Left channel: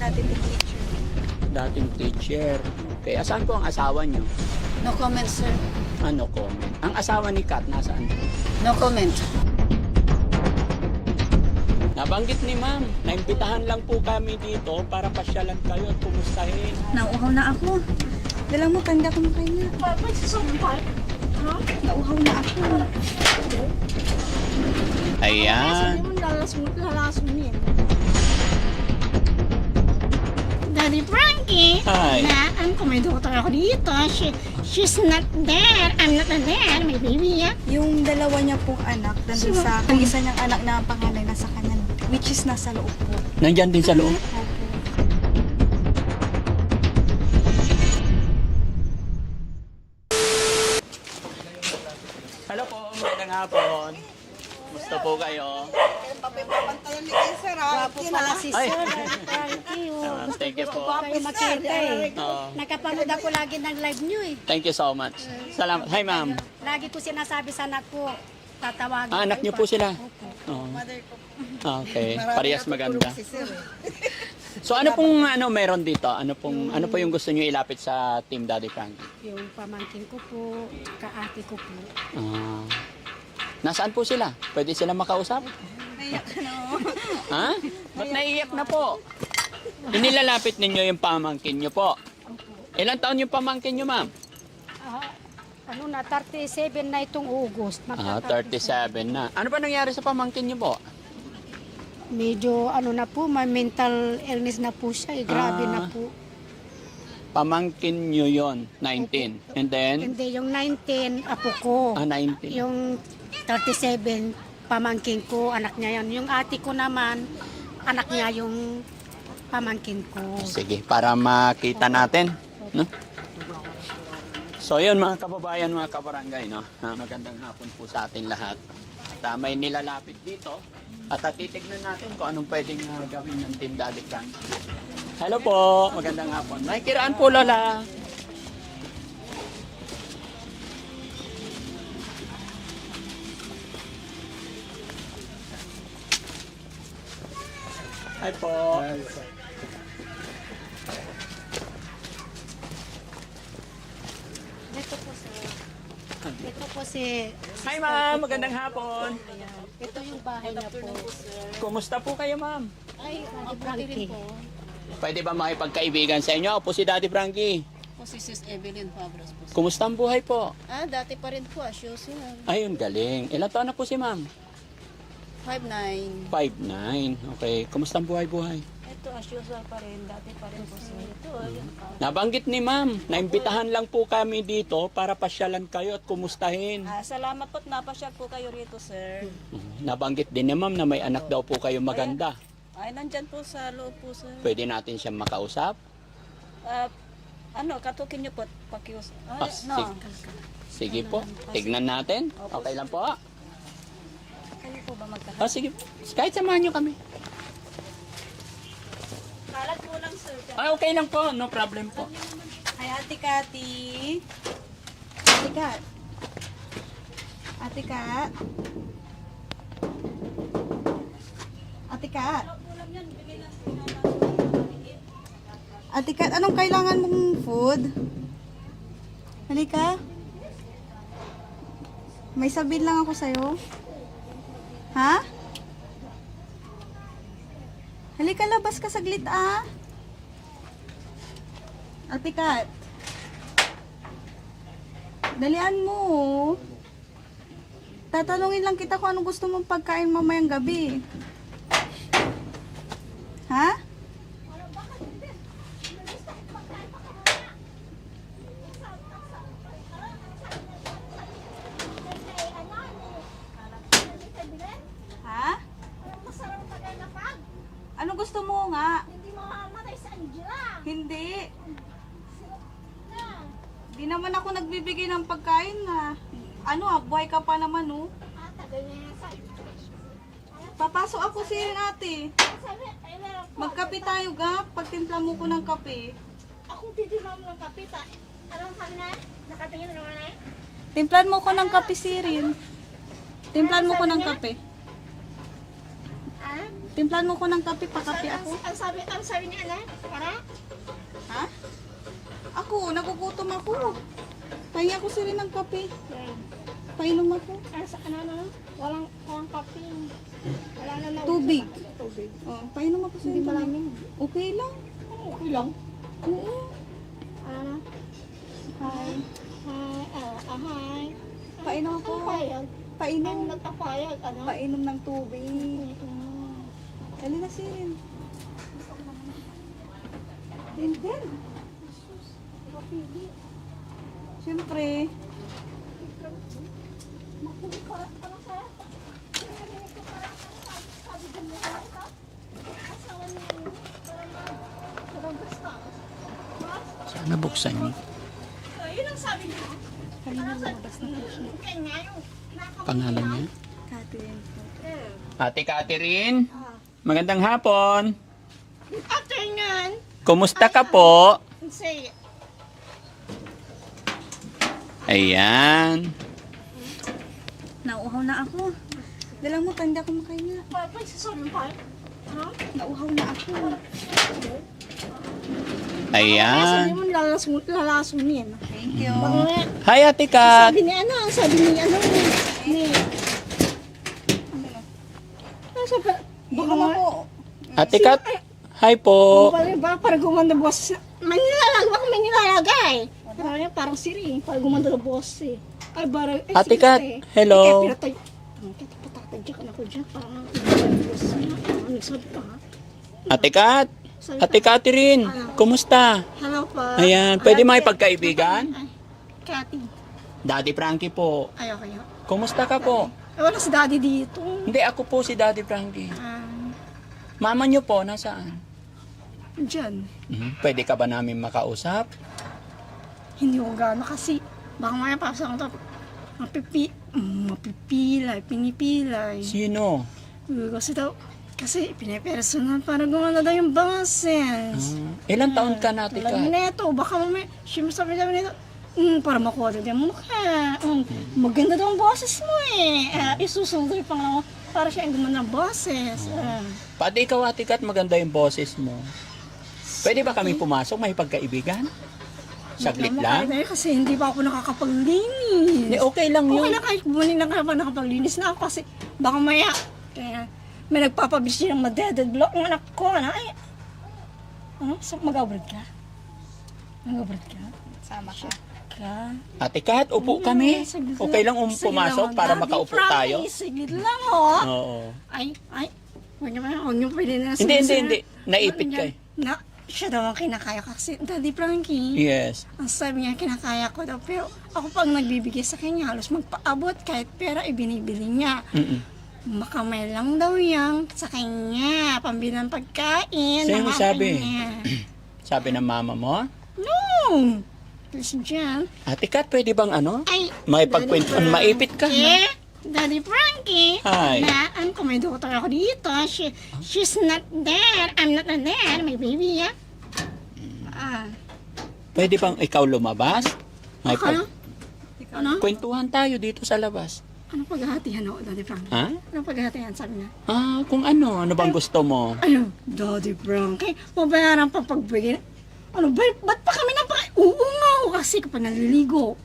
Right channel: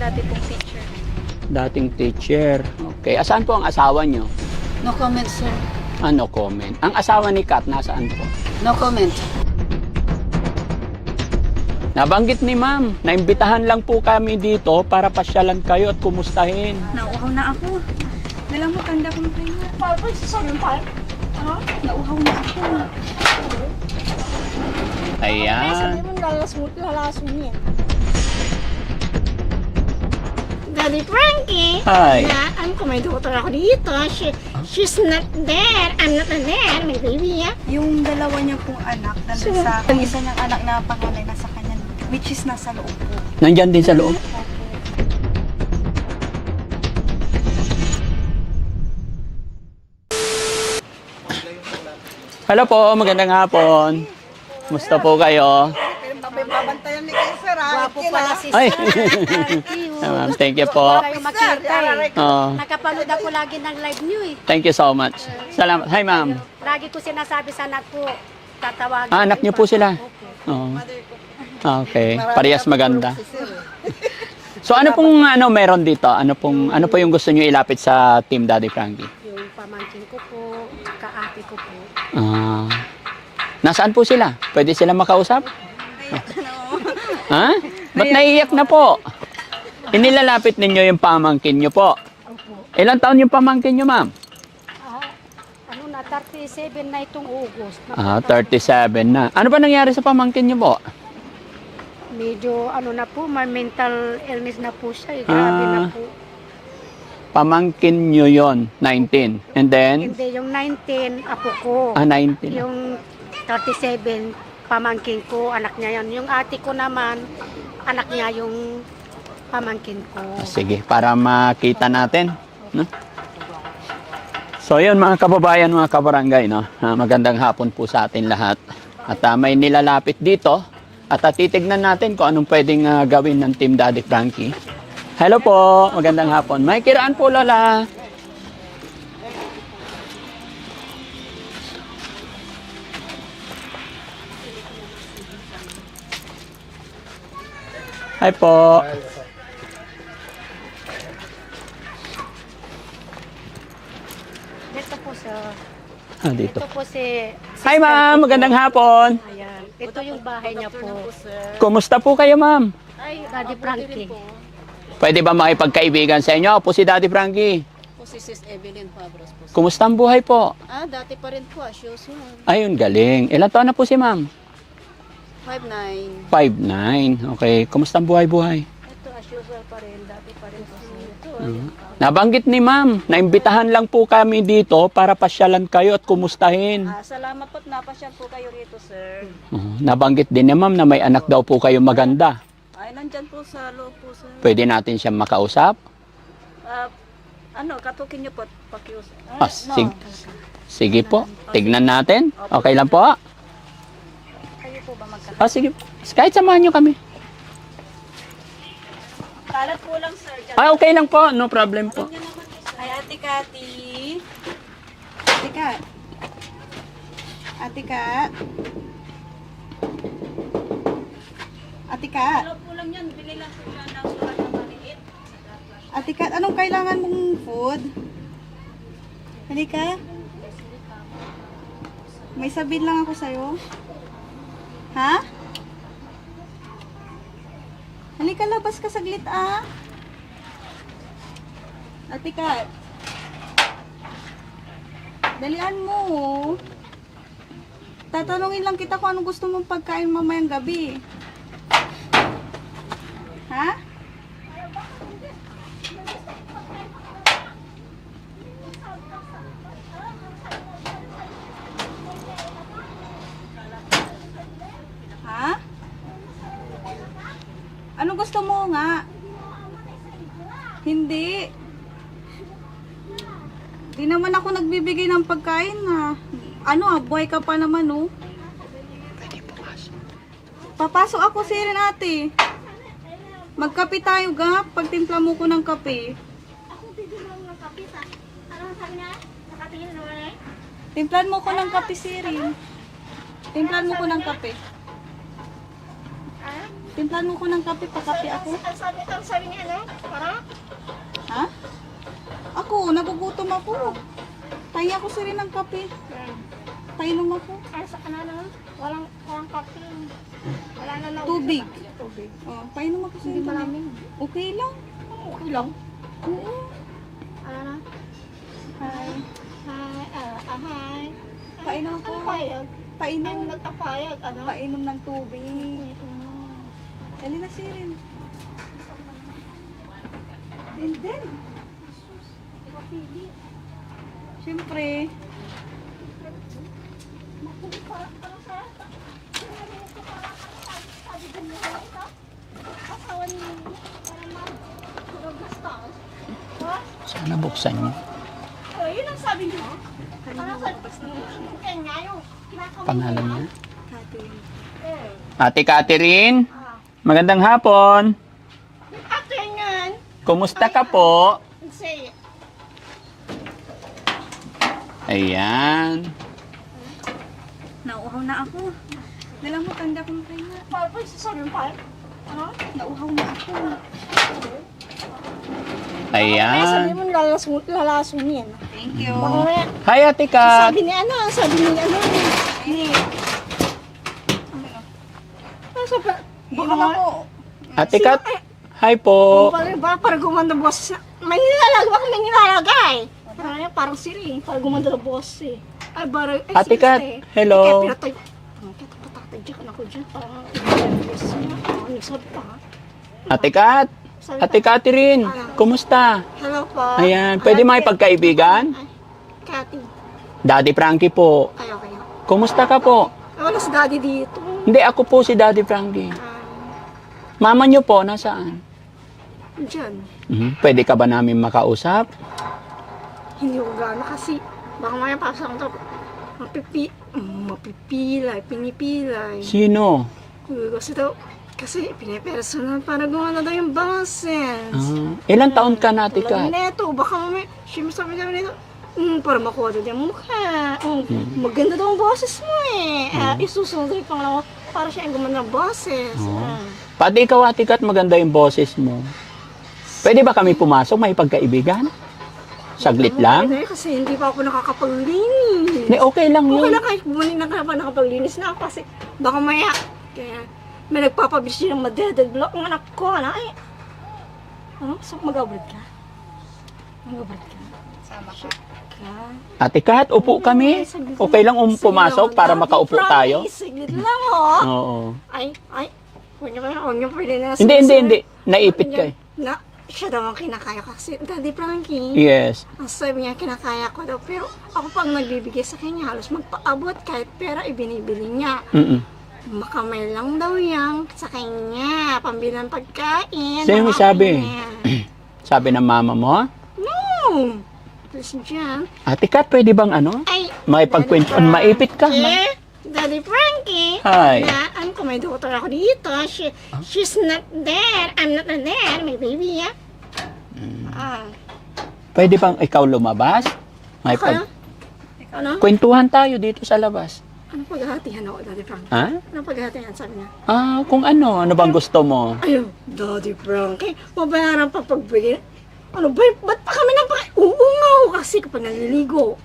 Dati pong teacher. Dating teacher. Okay. Asaan po ang asawa nyo? No comment, sir. Ano comment? Ang asawa ni Kat, nasaan po? No comment. Nabanggit ni ma'am, naimbitahan lang po kami dito para pasyalan kayo at kumustahin. Nauuhaw na ako. Dala mo, tanda ko na kayo. Nauuhaw na ako. Ayan. Daddy Frankie, Hi. alam ko may doktor ako dito. She's not there. I'm not there. May baby ya. Yung dalawa niya pong anak, nandun sa, ang isa niyang anak na panganay nasa kanya, which is nasa loob po. Nandyan din sa loob. Hello po, magandang hapon. Kumusta po kayo? Babantayan ni kayo, sir, ha? Ay, ma'am, thank you po. Kayo makita eh. Oh, Nakapanood ako lagi ng live niyo eh. thank you so much. Salamat. Hi, ma'am. Lagi ko sinasabi sa anak ko, tatawagin. Ah, anak niyo po sila? Oh. Okay, parehas maganda. So ano pong meron dito? Ano po yung gusto niyo ilapit sa Team Daddy Frankie? Yung pamangkin ko po, kaate ko po. Ah. Nasaan po sila? Pwede sila makausap? Ha? Ba't naiiyak na po? Inilalapit ninyo yung pamangkin nyo po. Opo. Ilang taon yung pamangkin nyo, ma'am? Ano na, 37 na itong August. Ah, 37 na. Ano ba nangyari sa pamangkin nyo po? Medyo ano na po, may mental illness na po siya eh. Grabe na po. Pamangkin nyo yon 19. And then, Hindi, yung 19, apo ko. 19. Yung 37, pamangkin ko, anak niya yan. Yung ate ko naman, anak niya yung pamangkin ko. Sige, para makita natin. No? So yun mga kababayan, mga kabarangay, no? Magandang hapon po sa atin lahat. At may nilalapit dito. At titignan natin kung anong pwedeng gawin ng Team Daddy Frankie. Hello po, magandang hapon. May kiraan po, Lola. Hi po. Dito po sa... Dito. Ito po si... Hi ma'am, magandang hapon. Ayan. Ito yung bahay niya po. Kumusta po kayo ma'am? Ay, Daddy Frankie. Pwede ba makipagkaibigan sa inyo? Ako po si Daddy Frankie. Po si Sis Evelyn Fabros po. Kumusta ang buhay po? Dati pa rin po, shows mo. Ayun, galing. Ilan taon na po si ma'am? 5'9". 5'9". Okay, kumusta ang buhay-buhay? Ito, usual pa rin. Dati pa rin po. Ito, Nabanggit ni ma'am, naimbitahan lang po kami dito para pasyalan kayo at kumustahin. salamat po at napasyal po kayo rito, sir. Nabanggit din ni ma'am na may anak daw po kayo maganda. Ay, nandyan po sa loob po, sir. Pwede natin siyang makausap? Katukin niyo po, pakius. Sige. Sige po, tignan natin. Okay lang po? Kayo po ba magkakasama? Sige. Kahit samahan nyo kami. Kalat po lang, sir. Okay lang po. No problem po. Ay, Ate Kati. Ate Kat. Ate Kat. Ate Kat. Po lang yan, bili lang po yan ng sulat na maliit. Ate Kat, anong kailangan mong food? Halika. May sabihin lang ako sa'yo. Ha? Halika, labas ka saglit ah. Ate Kat. Dalian mo. Tatanungin lang kita kung anong gusto mong pagkain mamayang gabi. Ha? Ha? Ano gusto mo nga? Hindi. Di naman ako nagbibigay ng pagkain na. Buhay ka pa naman, oh. Papasok ako sirin, ate. Magkape tayo, ga. Pagtimpla mo ko ng kape. Timplan mo ko ng kape, sirin. Timplan mo ko ng kape. Timplahan mo ko ng kape, pakape ako. Ang sabi niya na, para? Ha? Ako, nagugutom ako. Tayo ako sir ng kape. Painom ako. Ay, sa ano, walang kape. Wala na Tubig. Tubig. Oh, painom ako sir. Hindi malamig. Okay lang. Okay lang. Oo. Ano? Hi. Hi. Painom ako. Ano payag? Painom. Ano nagpapayag? Ano? Painom ng tubig. Dali na sirin. Din. Siyempre. Sana buksan niyo. Yun ang sabi niyo. Ano sabi? Kaya nga yung Pangalan niya? Catherine. Ate Catherine, magandang hapon. Ate yan. Kumusta ka po? Say, Ayan. Nauuhaw na ako. Dala mo, tanda ko makahinga. parang sasabihin pa. Ano? Nauuhaw na ako. Ayan. Sabi mo lalasunin. Thank you. Baka Hi, Ate Kat. sabi ni ano, ni sabi, Baka ako. Ate Kat, hi po. para gumanda boss. May nilalagay. Parang siri, para gumanda na boss eh. Ay, barang, Ate Kat, hello. Patatay dyan ako dyan. Parang, sabi ka ha? Ate Kat, Ate Catherine, kumusta? Hello po. Ayan, pwede makipagkaibigan? Ay, Cathy. Daddy Frankie po. Ay, okay. Kumusta ka po? Ay, wala si daddy dito. Hindi, ako po si Daddy Frankie. Mama niyo po, nasaan? Diyan. Pwede ka ba namin makausap? Hindi ko gano'n kasi baka maya pasang to mapipilay, pinipilay. Sino? Kasi pinapersonal para gumana daw yung boses. Ilang taon ka na, Ate Tulad Kat? nito, baka mamaya, siyempre sabi namin nito, para makuha daw yung mukha. Maganda daw ang boses mo eh. Isusunod pang lang para siya yung gumana ng boses. Pati ikaw, Ate Kat, maganda yung boses mo. Pwede ba kami pumasok, may pagkaibigan? Saglit lang? Kasi hindi pa ako nakakapaglinis. Hindi, okay lang Okay yun. lang kahit bumalik na nakapaglinis na ako kasi baka maya. Kaya may nagpapabis din ng madeded block ng anak ko. Ay, so mag-abroad ka? Mag-abroad ka? Sama siya. Ate Kat, upo kami. Okay lang pumasok para makaupo tayo? Saglit lang Oo. Ay, huwag niyo pwede na Hindi. Naipit ka eh. Siya daw ang kinakaya ko kasi Daddy Frankie. Yes. Ang sabi niya, kinakaya ko daw. Pero ako pag nagbibigay sa kanya, halos magpaabot kahit pera ibinibili niya. Makamay lang daw yan sa kanya. Pambilang pagkain. Sino ng sabi? mama niya. Sabi ng mama mo? No! Please dyan. Ate Kat, pwede bang Ay, maipagkwento? Daddy Maipit ka? Daddy Frankie. Hi. Na, ko may doktor ako dito. She's not there. I'm not there. May baby, yeah. Pwede bang ikaw lumabas? Ano? Kwentuhan tayo dito sa labas. Ano paghahatihan ako, Daddy Frankie? Ha? Ano paghahatihan, sabi niya? Kung ano bang gusto mo? Ayun, Daddy Frankie, mabayaran pa pagbigay. Ano ba? Ba't pa kami nang uungaw kasi kapag naliligo?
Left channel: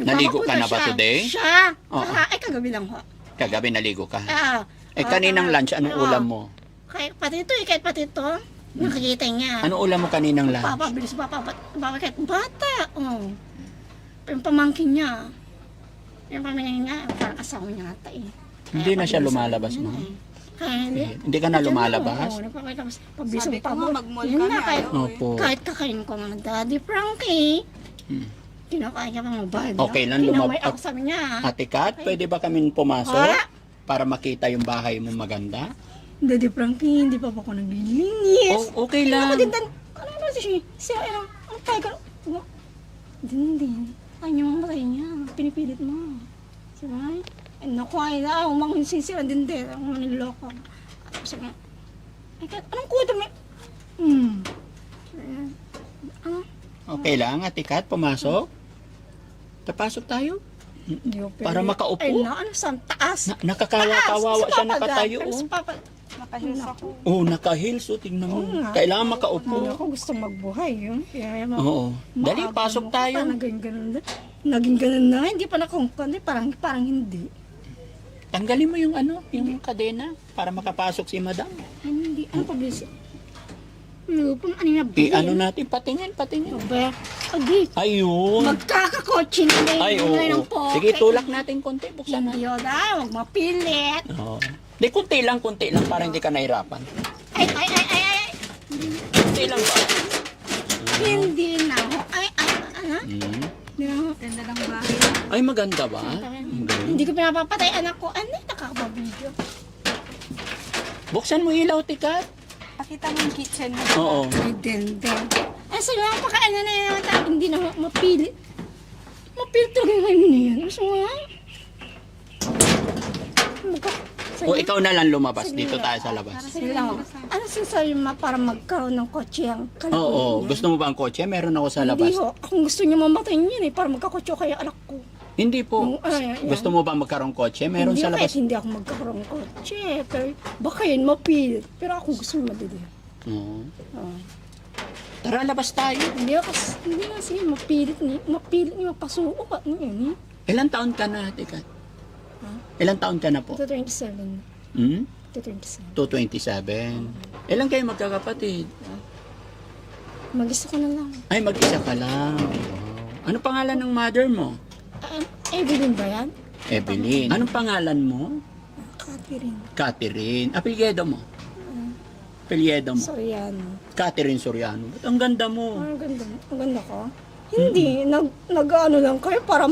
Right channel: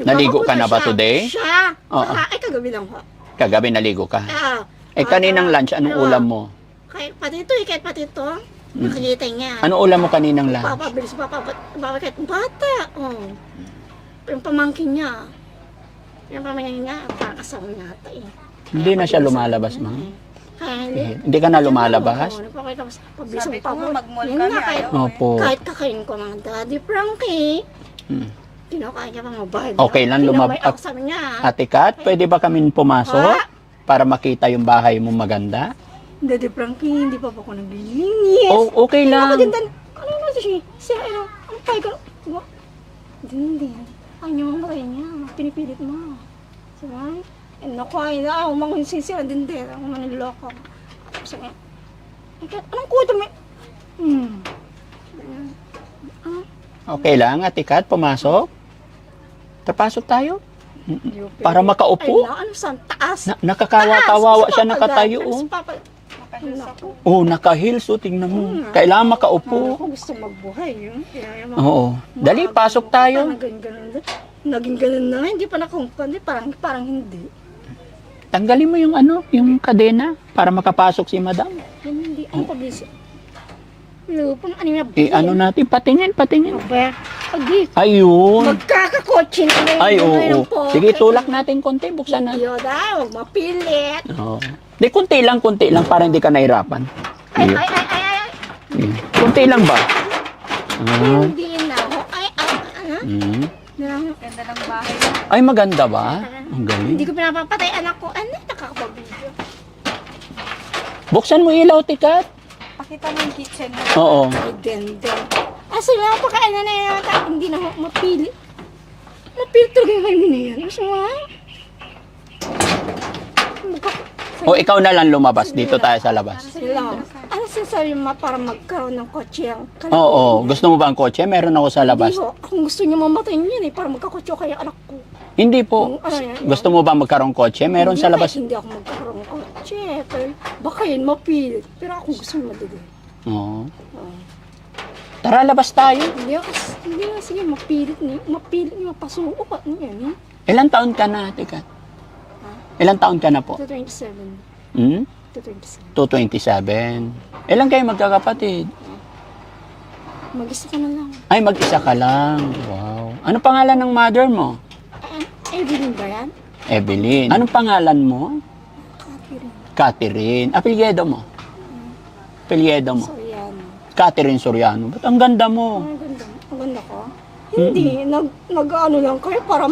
Naligo ka na ba today? Siya. Oo. Ay, kagabi lang ho. Kagabi naligo ka. Eh, Kaninang lunch, anong ulam mo? Kahit pati ito, makikita niya. Anong ulam mo kaninang lunch? Papabilis, kahit bata. Yung pamangkin niya. Yung pamangkin niya, parang asawa niya ata eh. Hindi na siya lumalabas, ma'am. Hindi ka na lumalabas? Napakita mo, pabilis Sabi ang ko nga, pabot. mag-mall Yun ka nga, ni kahit- ayaw. Opo. Kahit kakain ko mga Daddy Frankie, kinakaya pa mga bayad. Okay lang lumabas. Ako sabi niya. Ate Kat, pwede ba kami pumasok? Para makita yung bahay mo maganda? Daddy Frankie, hindi pa po ako naglilinis. Okay Ako din, lang. ano naman siya, ang tayo ka, hindi. Ay, yung mga niya, pinipilit mo. Sabi, naku, ay na, ako mangunsin siya, din, ako maniloko. Tapos sabi, anong kuto mo? Okay lang, Ate Kat, pumasok? Papasok tayo? Para makaupo? Ay, ano sa taas? Nakakawa-kawawa siya nakatayo. Pero Oh. sa papa, Naku, Oh, naka-heels. Oh, tingnan mo. Kailangan makaupo. ako gusto magbuhay yun. Kaya Oo. Dali, pasok tayo. Naging ganun na. Hindi pa nakungkandi. Parang hindi. Tanggalin mo yung ano, yung kadena para makapasok si madam. Hindi. Ang tabis. Lupang ano na Ano natin, patingin. Aba, agi. Ayun. Magkakakotse na ngayon. Ay, oo. Sige, tulak natin konti. Buksan na. Yoda, huwag mapilit. Oo. Di, konti lang para hindi ka nahirapan. Ay. Konti lang ba? Hindi na ako. Ay, ano? Hmm. Ganda ng bahay. Ay, maganda ba? Ang galing. Hindi ko pinapapatay anak ko. Ano? Nakakapabidyo. Buksan mo ilaw, tikat. Pakita mo yung kitchen mo. Oo. Ay, dende. Aso lang, pakain na yan. Hindi na mapilit. Mapilit talaga yung kayo na yan. Aso nga. O, ikaw na lang lumabas. Dito tayo sa labas. Sila. Ano sasabi mo para magkaroon ng kotse ang kanak? Oo. Gusto mo ba ang kotse? Meron ako sa labas. Hindi ho. Kung gusto niya mamatay niyan para magkakotse kaya anak ko. Hindi po. Ay, Gusto mo ba magkaroong kotse? Meron sa labas. Hindi ako magkaroon ng kotse. Pero baka yun mapilit. Pero ako gusto niya madali. Oo. Tara, labas tayo. Hindi ako, hindi na sige, mapilit niya, mapasuko ka. Ano yan eh? Ilang taon ka na, tikat? Ilang taon ka na po? 27. Hmm? 27. 227. Ilang kayo magkakapatid? Mag-isa ka na lang. Ay, mag-isa ka lang. Wow. Ano pangalan ng mother mo? Evelyn ba yan? Evelyn. Anong pangalan mo? Catherine. Catherine. Apelyido mo? Apelyido mo? Soriano. Catherine Soriano. Ba't ang ganda mo? Ang ganda. Ang ganda ko? Hindi. Nag-ano lang kayo para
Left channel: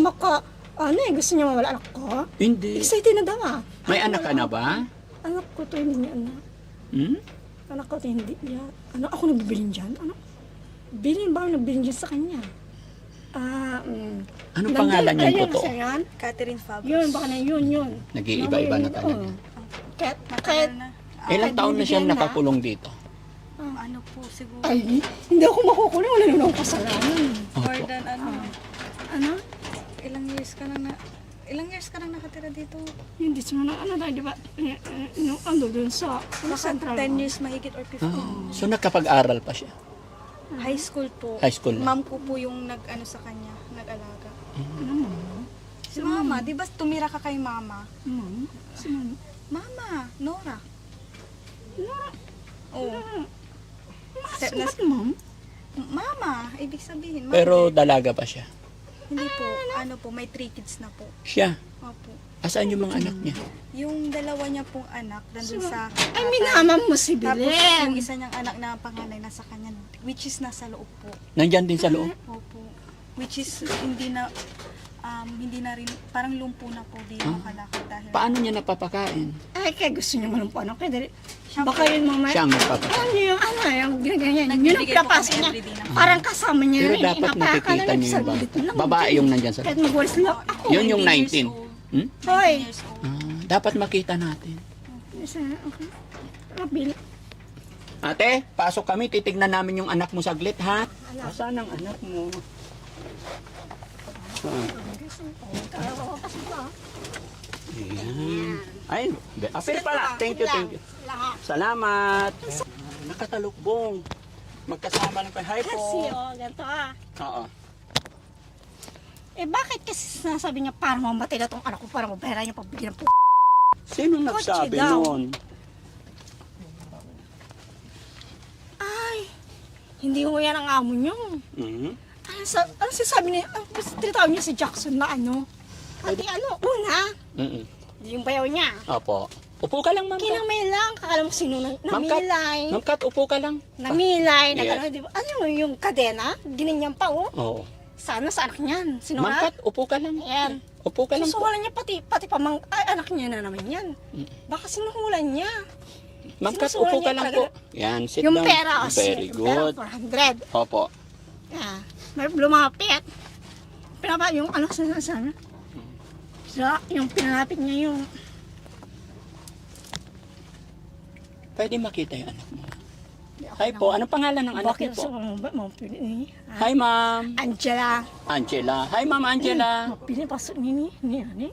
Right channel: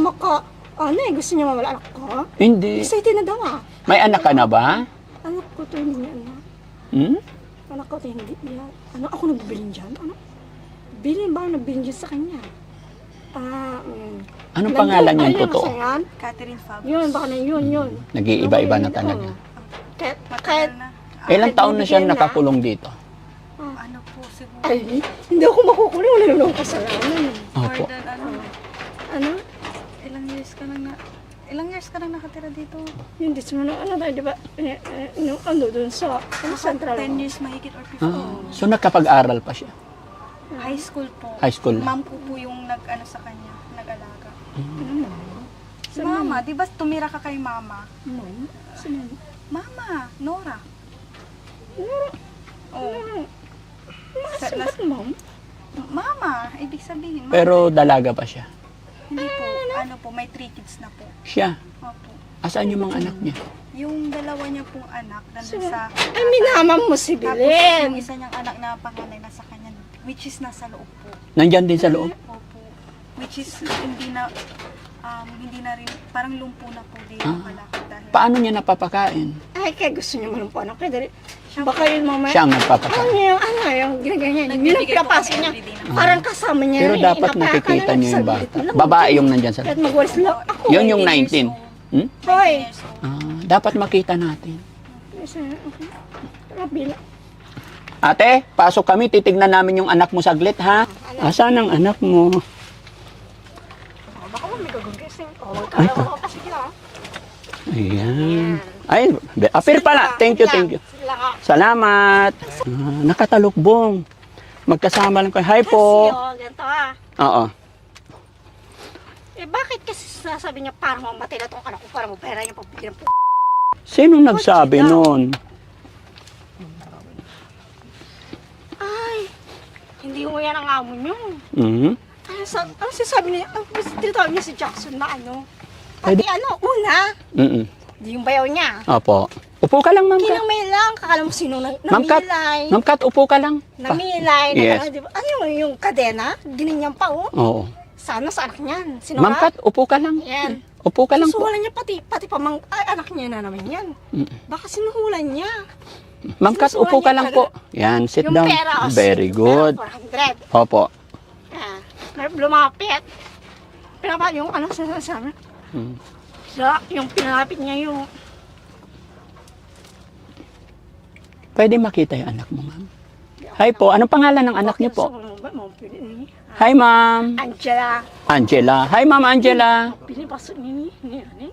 gusto niya mamala anak ko? Hindi. Excited na daw ah. May anak ka na ba? Anak ko to hindi niya anak. Hmm? Anak ko to hindi niya. Ako nagbilin dyan? Bilin ba ako nagbilin dyan sa kanya? Anong pangalan yung totoo? Catherine Fabio. Yun, baka na yun. Nag-iiba-iba na talaga. Kahit, Ilang taon na siya bibigyan na. nakakulong dito? Ano po siguro? ay, hindi ako makukulong. Nalulong ko sa laman. More Opo. than Ano? Ilang years ka na nakatira dito? Hindi naman ano tayo, di ba? Nung doon sa central. 10 years mahigit or 15. So nakapag-aral pa siya? High school po. High school na? Ma'am ko po yung nag-ano sa kanya, nag-alaga. Si mama, di ba tumira ka kay mama? Ma'am? Si ma'am? Mama, Nora. Nora? Oh. Ba't ma'am? Mama, ibig sabihin. Mama. Pero dalaga pa siya. Hindi po, ano po, may 3 kids na po. Siya? Opo. Asaan yung mga anak niya? Yung dalawa niya pong anak, nandun sa... Ay, minamam mo si Tapos Belen. yung isa niyang anak na panganay nasa kanya, which is nasa loob po. Nandyan din sa loob? Opo. Which is hindi na rin, parang lumpo na po din yung kalakad dahil... Paano niya napapakain? Ay, kaya gusto niya mo ng kaya dali. Baka yung mamaya. Siya ang nagpapakain. Yung ginagaya niya. Yun ang pinapasok niya. Parang kasama niya. Pero yun, dapat inapakan nakikita na niyo yung sa bata. gitna lang. Babae yung nandyan sa Kahit loob. magwalis lang ako. Yun yung 19. Hmm? Hoy. Dapat makita natin. Rabila. Ate, pasok kami. Titignan namin yung anak mo saglit, ha? Asan ang anak mo? Baka may gagawin kasi. Magkala ko kasi siya. Ayan. Ay, apir pala. Thank you. Sila ha. Salamat. Nakatalukbong. Magkasama lang kayo. Hi po. Ganito ah. Oo. Bakit kasi sasabi niya parang mamatay na tong anak ko para mapera niya pagbigyan po. Sino nagsabi Kotse daw. nun? Ay, hindi ko yan ang amo niyo. Mhm. Ano sasabi niya? Tinatawag niya si Jackson na ano? Pati una, Mhm. hindi yung bayaw niya. Opo. Upo ka lang, Ma'am Kat. Kinamay lang, kakala mo sino Ma'am Kat. namilay. Ma'am Kat, upo ka lang. Namilay, Yes. di ba? Ano yung kadena? Ginanyan pa oh. Oo. Sana sa anak niyan. Sino Ma'am Kat, upo ka lang. Yan. Upo ka lang po. Susuhulan niya pati anak niya na naman yan. Baka sinuhulan niya. Ma'am Kat, upo ka lang po. Yan, sit Yung down. pera, Very good. 400. Opo. May lumapit. Yung ano sa Hmm. yung pinalapit niya yung Pwede makita yung anak mo, ma'am. Hi po. Anong pangalan ng anak niyo po? Pili Hi, ma'am. Angela. Angela. Hi, ma'am Angela. Pinipasok niya ni.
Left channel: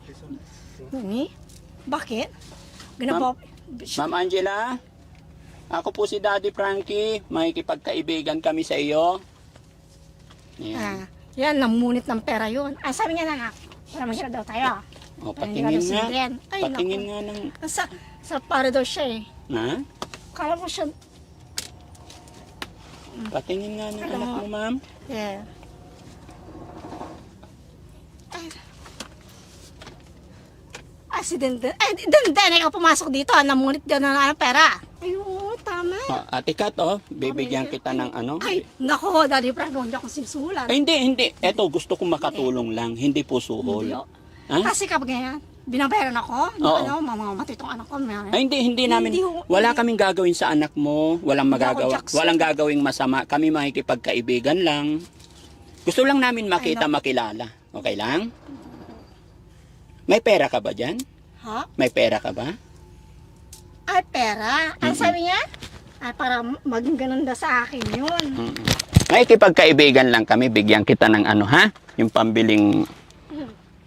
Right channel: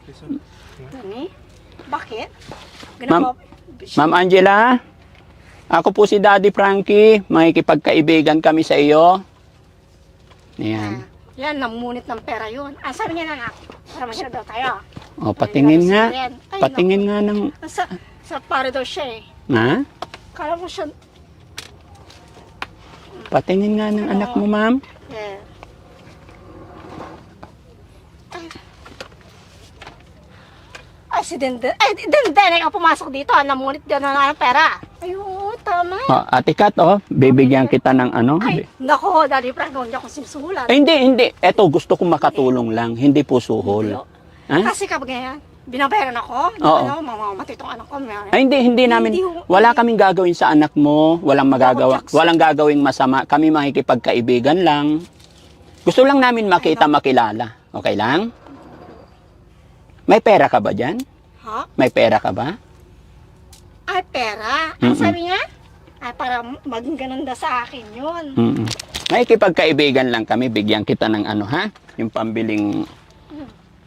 Bakit? Ma'am, Ma'am Angela, Ako po si Daddy Frankie. Makikipagkaibigan kami sa iyo. Ayan. Yan, namunit ng pera yun. Ah, sabi niya na, para masya daw tayo. O, patingin nga. Ay, Patingin nga ng... Sa pare daw siya eh. Ha? Kala mo siya, Patingin nga ng anak mo, ma'am. yeah. Ay, si Denden. Ay, Denden, ikaw pumasok dito. Namunit din na ng pera. Ay, oo, tama. O, Ate Kat, bibigyan kita ng ano. Ay, naku, Daddy Frank, hindi ako sinusulan. Ay, hindi. Eto, gusto kong makatulong lang. Hindi po suhol. Ha? Kasi kapag ganyan, binabayaran ako, Oo. mamamatay itong anak ko. Ay, hindi namin. Wala kaming gagawin sa anak mo. Walang magagawa. Walang gagawing masama. Kami makikipagkaibigan lang. Gusto lang namin makita, makilala. Okay lang? May pera ka ba dyan? Ha? May pera ka ba? Ay, pera. Ang sabi niya? Ay, para maging ganun sa akin yun. Mm-mm. Makikipagkaibigan lang kami. Bigyan kita ng ano, ha? Yung pambiling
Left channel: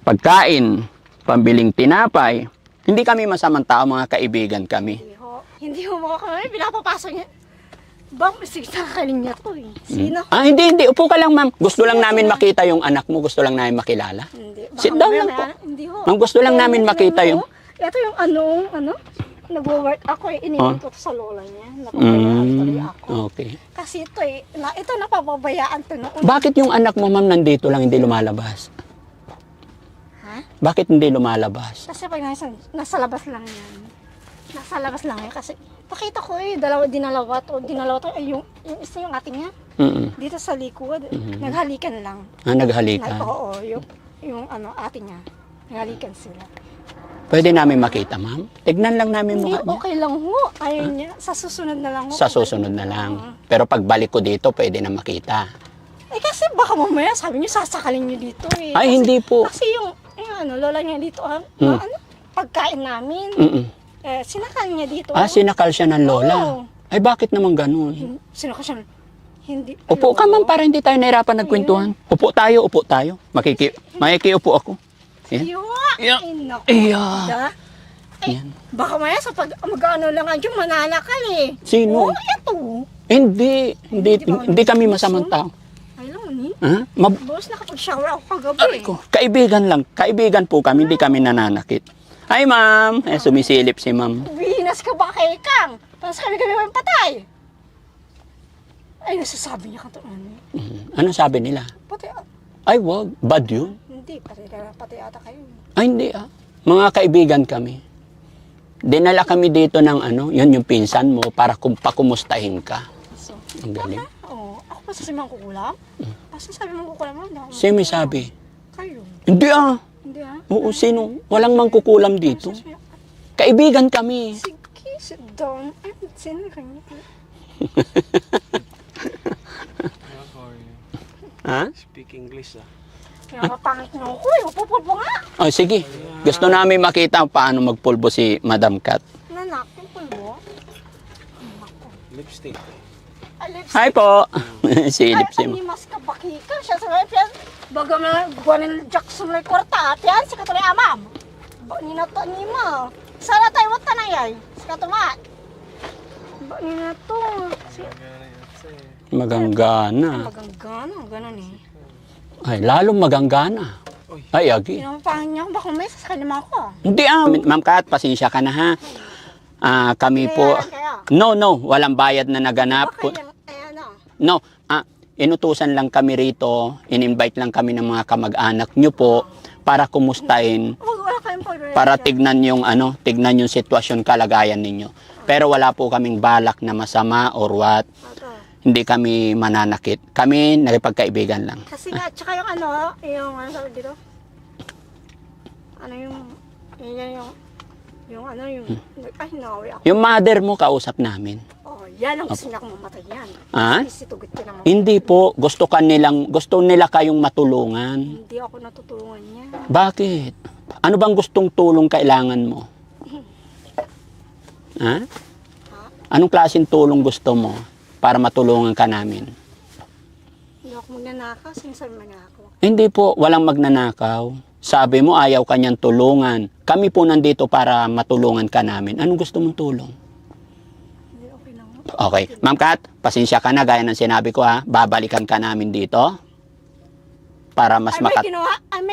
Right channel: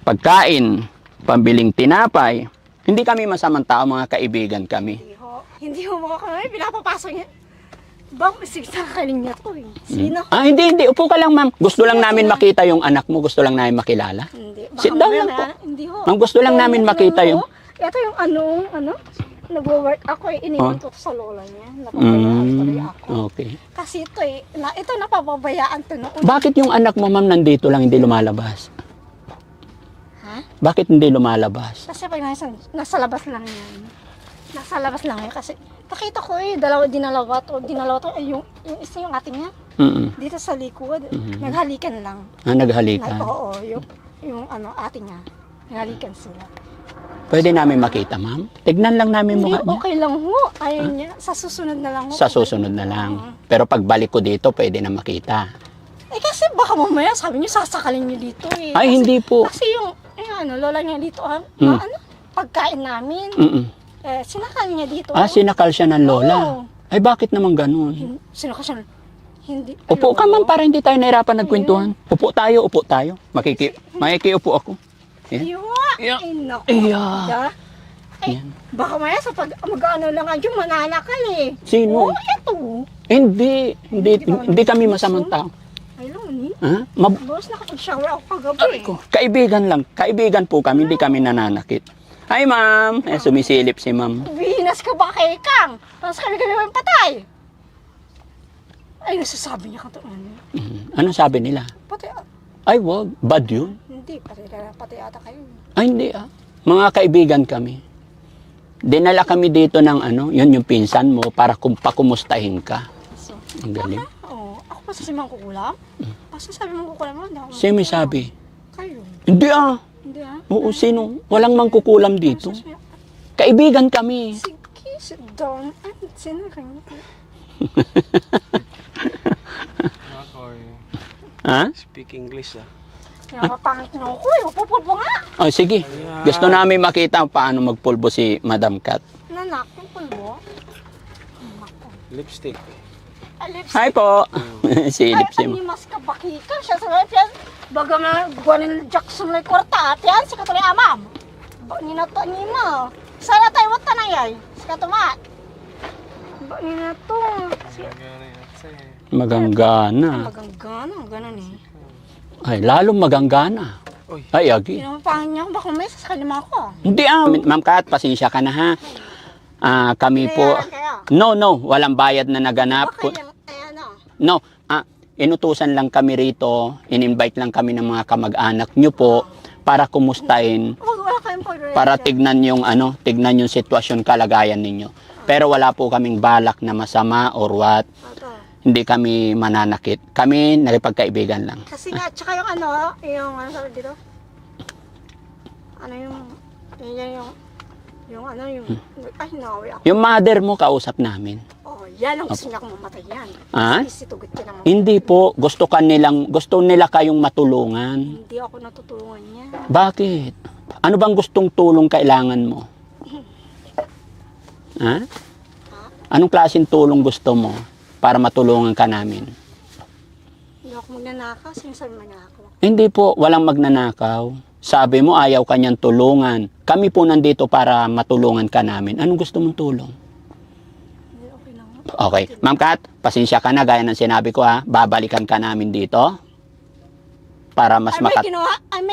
pagkain, pambiling tinapay. Hindi kami masamang tao, mga kaibigan kami. Hindi ho mo kami, pinapapasok niya. Bang, sakaling niya to eh. Sino? Ah, hindi. Upo ka lang, ma'am. Gusto lang namin makita yung anak mo. Gusto lang namin makilala. Hindi. Sit down lang po. Hindi ho. Ma'am, gusto lang namin makita yung... Ito yung nag-work ako eh. Iniwan ko to sa lola niya. Napabayaan tuloy ako. Okay. Kasi ito eh, ito napapabayaan to noon. Bakit yung anak mo, ma'am, nandito lang, hindi lumalabas? Ha? Bakit hindi lumalabas? Kasi pag nasa labas lang yan. Nasa labas lang yan kasi nakita ko eh, dinalawa to, ay yung isa yung ating niya. Mm-mm. Dito sa likod, naghalikan lang. Ah, naghalikan. Oo, yung ating niya. Naghalikan sila. Pwede namin makita, ma'am? Tignan lang namin Hindi, mukha niya. okay lang ho. Ayaw niya. Sa susunod na lang ho. Sa susunod na lang. Pero pagbalik ko dito, pwede na makita. Eh kasi baka mamaya sabi niyo sasakalin niyo dito eh. Ay, hindi po. Kasi yung lola niya dito, pagkain namin. Mm-mm. Sinakal niya dito. Ah, sinakal siya ng lola. Oo. Ay, bakit naman ganun? Sinakal siya. Hindi. Upo ka, ma'am, para hindi tayo nahirapan nagkwentuhan. Upo tayo. Makikiupo ako. Yan. Ay, naku. Iya. Da? Yan. Baka maya sa pag mag-ano lang yung mananakal eh. Sino? Oh, eto. Hindi kami masamang tao. Ay, lang ni. Ha? Boss, nakapag-shower ako kagabi. Kaibigan lang. Kaibigan po kami, hindi kami nananakit. Hi, ma'am. Sumisilip si ma'am. Bihinas ka ba kay Kang? Tapos kami may patay. Ay, nasasabi niya ka to. Ano sabi nila? Patay. Ay, wag. Bad yun. Hindi, patay ata kayo. Ay, hindi ah. Mga kaibigan kami. Dinala kami dito ng yun yung pinsan mo para pakumustahin ka. So, Ang galing. oo. Ako pa sa simang kukulam? Kasi sabi mong kukulam mo, hindi ako Sino may sabi? kayo. Hindi ah. Hindi ah. Oo, sino? Walang mangkukulam dito. Kaibigan kami. Sige, sit down. Ay, sino kayo? Ha? Speak English Pinapapangit niyo ako eh. Upupulpo nga. Oh, sige. Gusto namin makita paano magpulbo si Madam Kat. Nanak, yung pulbo. Lipstick. Alips. Hi po. Silip si Ay, mas kabakika siya sa mga piyan. Baga na guwanin Jackson na kwarta. Piyan, si katuloy amam. Ba, ninato ni mo. Sana tayo wata na yay. Si katumat. Ba, ninato. Maganggana. Maganggana, ganon eh. Ay, lalong maganggana. Ay, agi. Pinapapangit niya ako, baka may sasalima ako. Hindi ah. Ma'am Kat, pasensya ka na ha. Kami po. Kaya, No, walang bayad na naganap. okay lang, ano. No, inutusan lang kami rito. In-invite lang kami ng mga kamag-anak nyo po para kumustahin, Wala kayong pag-react. para tignan yung sitwasyon, kalagayan ninyo. Pero wala po kaming balak na masama or what. Ito. Hindi kami mananakit. Kami nakipagkaibigan lang. Kasi nga, tsaka yung ano sabi dito? Ano ay, nawi ako. Yung mother mo, kausap namin. Oh, yan ang gusto niya kung mamatay yan. Ha? Kasi tugot ka naman. Hindi po. Gusto nila kayong matulungan. Hindi ako natutulungan niya. Bakit? Ano bang gustong tulong kailangan mo? Ha? Anong klaseng tulong gusto mo para matulungan ka namin? Hindi ako magnanakaw. Sinasabi magnanakaw. Hindi po, walang magnanakaw. Sabi mo ayaw kanyang tulungan. Kami po nandito para matulungan ka namin. Anong gusto mong tulong? Hindi, okay lang. Okay. Ma'am Kat, pasensya ka na. Gaya ng sinabi ko ha. Babalikan ka namin dito. Para mas may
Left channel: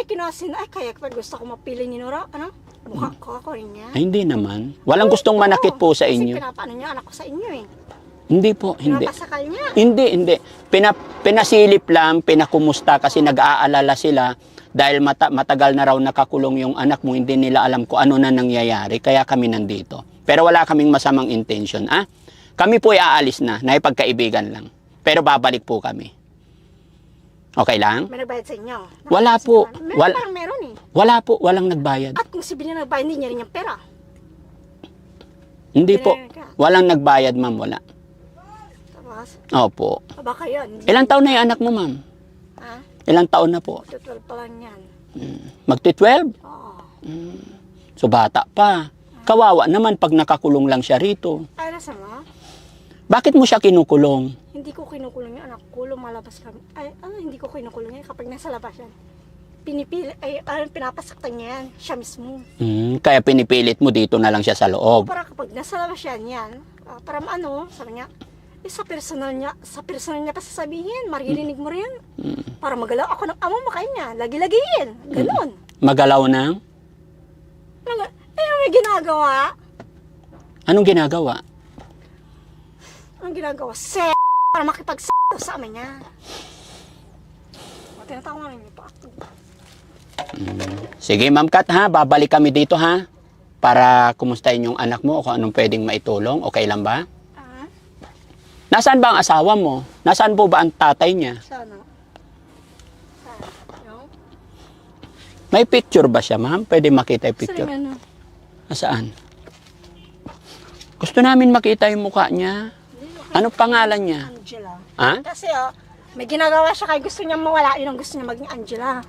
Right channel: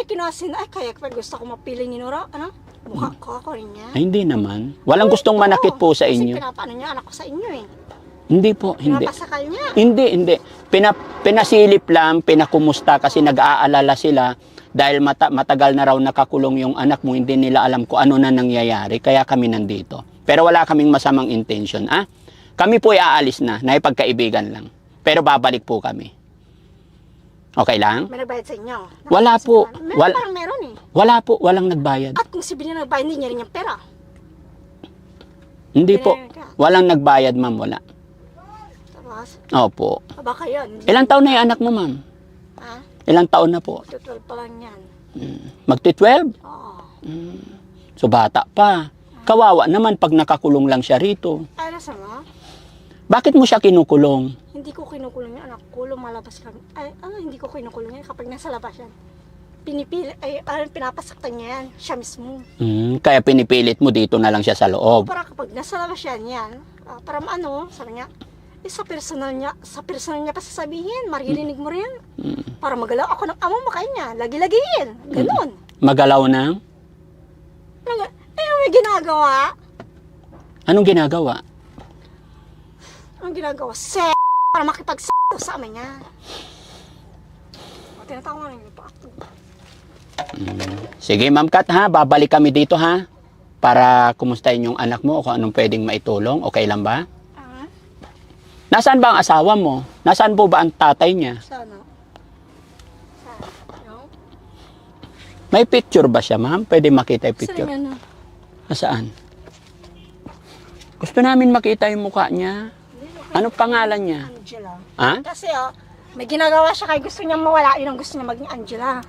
kinuha sila. Ay, kaya pag gusto ko mapili ni Nora, ano? Mukha ko ako rin niya. Ay, hindi naman. Walang gustong manakit po sa inyo. Kasi pinapaano niya anak ko sa inyo eh. Hindi po, hindi. Pinapasakal niya. Hindi. Pinasilip lang, pinakumusta kasi nag-aalala sila dahil matagal na raw nakakulong yung anak mo, hindi nila alam kung ano na nangyayari, kaya kami nandito. Pero wala kaming masamang intention, ah? Kami po ay aalis na, naipagkaibigan lang. Pero babalik po kami. Okay lang? May nagbayad sa inyo. Wala po. Parang meron eh. Wala po, walang nagbayad. At kung si Billy nagbayad, hindi niya rin yung pera. Hindi po. Walang nagbayad, ma'am, wala. Tapos, Opo. baka yun. Ilang taon na yung anak mo, ma'am? Ha? Ilang taon na po? 12 pa lang yan. Magti-12? Oo. So bata pa. Kawawa naman pag nakakulong lang siya rito. Ay, nasa mo? Bakit mo siya kinukulong? Hindi ko kinukulong yung anak ko, lumalabas kami. Ay, hindi ko kinukulong yan kapag nasa labas yan. Pinipili, pinapasaktan niya yan, siya mismo. Kaya pinipilit mo dito na lang siya sa loob. Para kapag nasa labas yan, para maano, sabi niya, sa personal niya pa sasabihin, maririnig mo rin. Para magalaw ako ng amo makain niya, lagi-lagiin, ganun. Magalaw na? May ginagawa. Anong ginagawa? Anong ginagawa? Para makipag-s*** sa ama niya. Tinatawanan niyo pa ako. Sige, Ma'am Kat, ha? Babalik kami dito, ha? Para kumustahin yung anak mo o kung anong pwedeng maitulong. Okay lang ba? Nasaan ba ang asawa mo? Nasaan po ba ang tatay niya? Sana. No? May picture ba siya, ma'am? Pwede makita yung picture. Ano? Saan? Gusto namin makita yung mukha niya. Ano pangalan niya? Angela. Ha? Kasi may ginagawa siya kaya gusto niya mawala. Yun ang gusto niya maging Angela.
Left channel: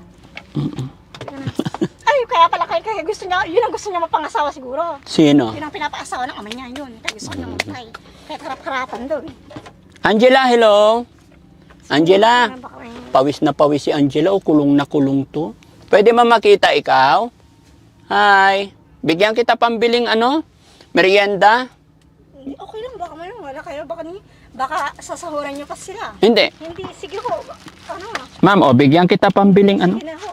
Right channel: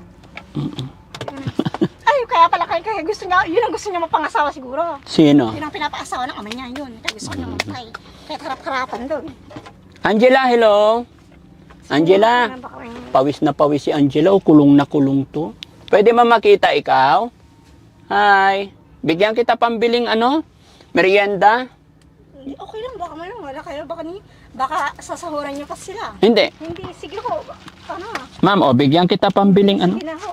Ay, kaya pala kaya gusto niya, yun ang gusto niya mapangasawa siguro. Sino? Yun ang pinapaasawa ng ama niya, yun. Kaya gusto niya mamatay. Kaya harap-harapan doon. Angela, hello? Angela, pawis na pawis si Angela o kulong na kulong to. Pwede ba makita ikaw? Hi. Bigyan kita pambiling merienda? Okay lang, baka man wala kayo. Baka sasahuran niyo pa sila. Hindi. Hindi, sige ho. Ma'am, bigyan kita pambiling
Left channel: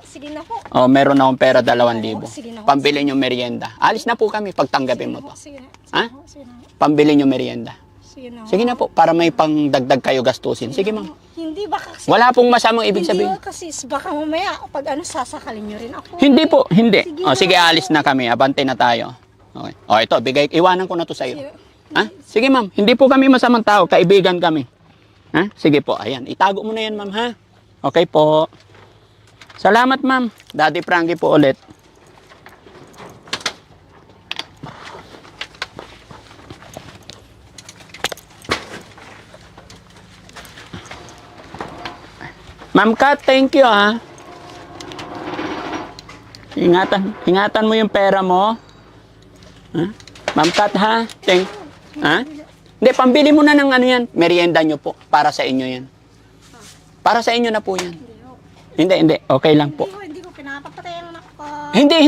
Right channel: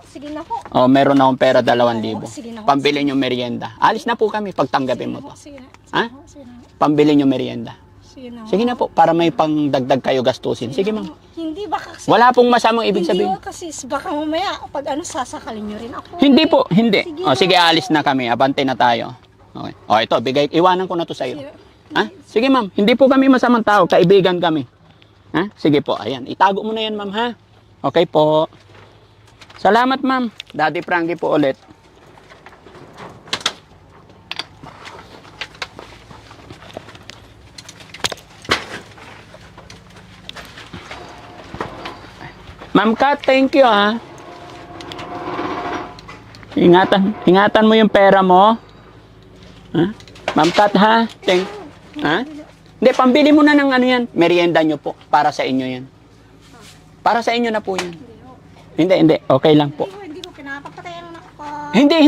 Sige na ho. meron akong pera 2,000. Sige na ho. Pambili nyo merienda. Alis na po kami pag tanggapin mo to. Sige na. Ha? Sige na. Pambili nyo merienda. Sige na. Sige na po, para may pangdagdag kayo gastusin. Sige, ma'am. Hindi, baka kasi... Wala pong masamang ibig sabihin. Hindi kasi baka mamaya pag sasakalin niyo rin ako. Hindi po, hindi. Sige. Sige, alis na kami. Abante na tayo. Okay. Ito, iwanan ko na to sa'yo. Ha? Sige, ma'am. Hindi po kami masamang tao. Kaibigan kami. Ha? Sige po. Ayan. Itago mo na yan, ma'am, ha? Okay po. Salamat, ma'am. Daddy Frankie po ulit. Ma'am Kat, thank you, ha? Ingatan mo yung pera mo. Ha? Ma'am Kat, ha? Ha? Hindi, pambili mo na ng yan. Merienda nyo po. Para sa inyo yan. Para sa inyo na po yan. Hindi. Okay lang po. Hindi ko pinapapatayan ng ako.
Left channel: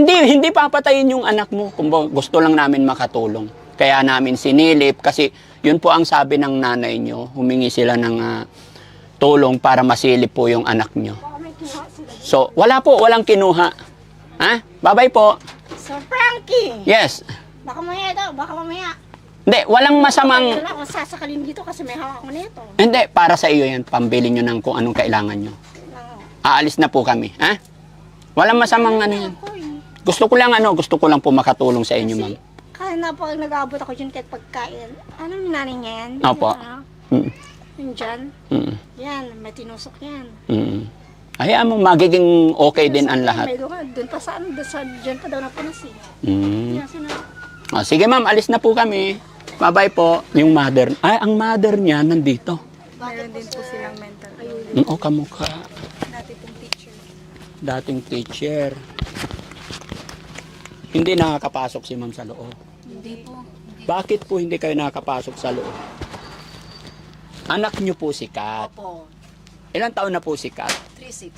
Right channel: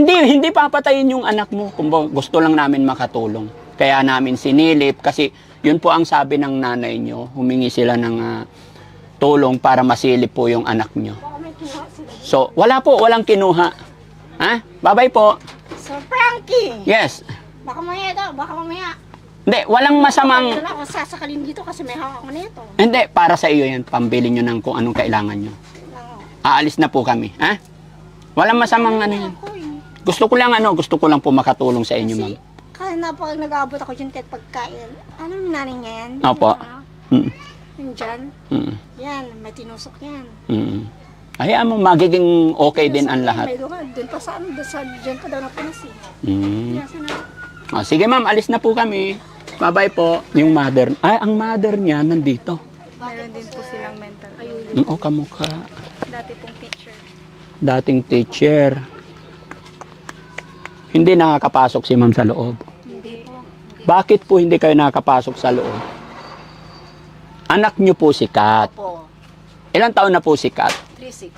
Hindi papatayin yung anak mo. Kung gusto lang namin makatulong. Kaya namin sinilip. Kasi yun po ang sabi ng nanay nyo. Humingi sila ng tulong para masilip po yung anak nyo. Baka may kinuha sila. So, walang kinuha. Ha? Bye-bye po. Sir Frankie! Yes. Baka mamaya. Hindi, walang masamang... Wala akong sasakalin dito kasi may hawak ko nito. Hindi, para sa iyo yan. Pambili nyo ng kung anong kailangan nyo. Aalis na po kami. Ha? Walang masamang yan. Gusto ko lang po makatulong sa inyo, ma'am. Kaya na pag nag-aabot ako dyan kahit pagkain. Ano yung nanay niya yan? Opo. Yung dyan? Yan, may tinusok yan. Hayaan mo, magiging okay din ang lahat. May doon pa sa dyan pa daw na punas eh. Sige ma'am, alis na po kami. Bye-bye po. Yung mother, ang mother niya nandito. Meron din po silang mental. Kamukha. Dati pong teacher. Dating teacher. Hindi nakakapasok si ma'am sa loob. Hindi po. Bakit po hindi kayo nakakapasok sa loob? Anak niyo po si Kat. Opo. Ilang taon na po si Kat? 36.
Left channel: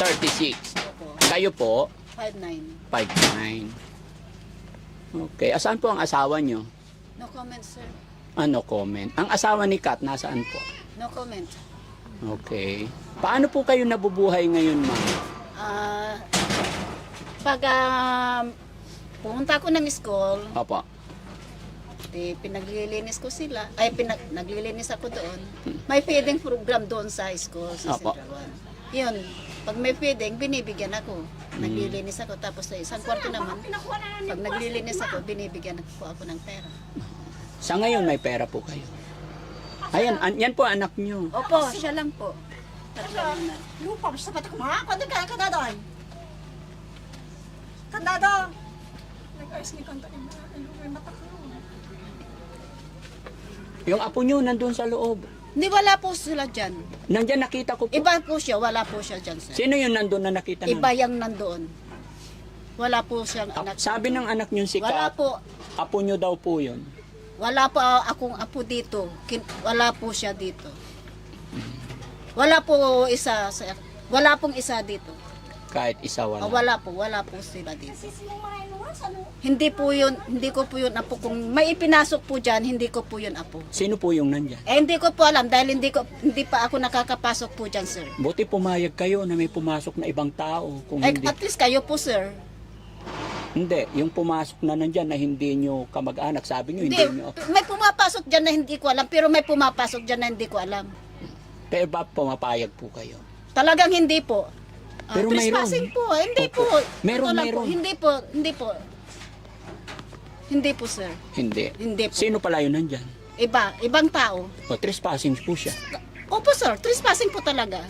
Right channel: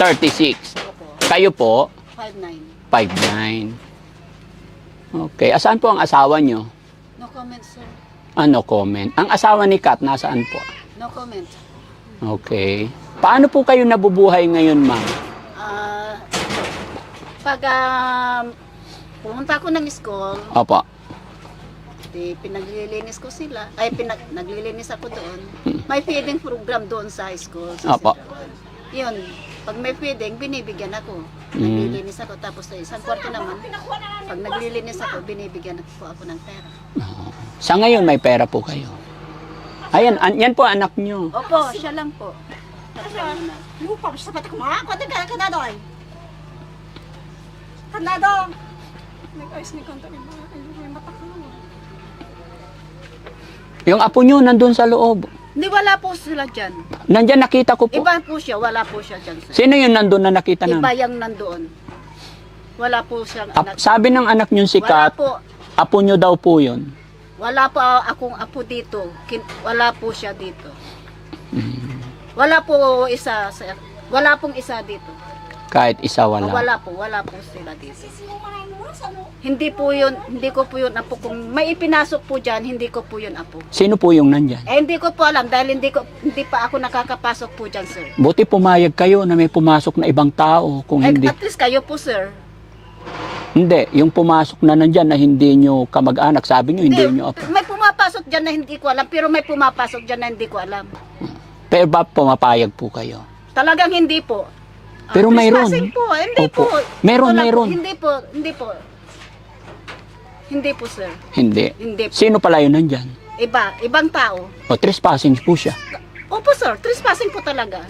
36. Opo. Kayo po? 59. 59. Okay. Asaan po ang asawa niyo? No comment, sir. Ano comment? Ang asawa ni Kat, nasaan po? No comment. Okay. Paano po kayo nabubuhay ngayon, ma'am? Pag pumunta ako ng school, Opo. pinaglilinis ko sila. Naglilinis ako doon. May feeding program doon sa school. Opo. Yun. Pag may feeding, binibigyan ako. Naglilinis ako. Tapos sa isang kwarto naman, pag naglilinis ako, binibigyan ako ng pera. Sa ngayon, may pera po kayo. Ayan, yan po anak nyo. Opo, siya lang po. Lupa, sa patak mo, ha? Kanda ka na doon. Kanda doon. Nag-ayos ni konta yung mata ko. Yung apo nyo nandun sa loob. Hindi, wala po sila dyan. Nandyan nakita ko po. Iba po siya, wala po siya dyan. Sir. Sino yung nandun na nakita Iba namin? yung nandoon. Wala po siyang anak. Sabi ng anak nyo si Wala Kat, po. apo nyo daw po yun. Wala pa akong apo dito. Wala po siya dito. Wala po isa. Wala pong isa dito. Kahit isa wala. Wala po sila dito. Hindi po yun, hindi ko po yun apo. Kung may ipinasok po dyan, hindi ko po yun apo. Sino po yung nandyan? Hindi ko po alam dahil hindi pa ako nakakapasok po dyan, sir. Buti pumayag kayo na may pumasok na ibang tao. Kung hindi, At least kayo po, sir. hindi. Yung pumasok na nandyan na hindi nyo kamag-anak, sabi nyo hindi nyo apo. May pumapasok dyan na hindi ko alam, pero may pumapasok dyan na hindi ko alam. Pero ba pumapayag po kayo? Talagang hindi po. Pero mayroon. Trespassing po, hindi Opo. po. Meron, Ito lang meron. Po, hindi po, hindi po. Hindi po, sir. Hindi. Hindi po. Sino pala yun nandyan? Ibang tao. O, trespassing po siya. Opo, sir. Trespassing po talaga.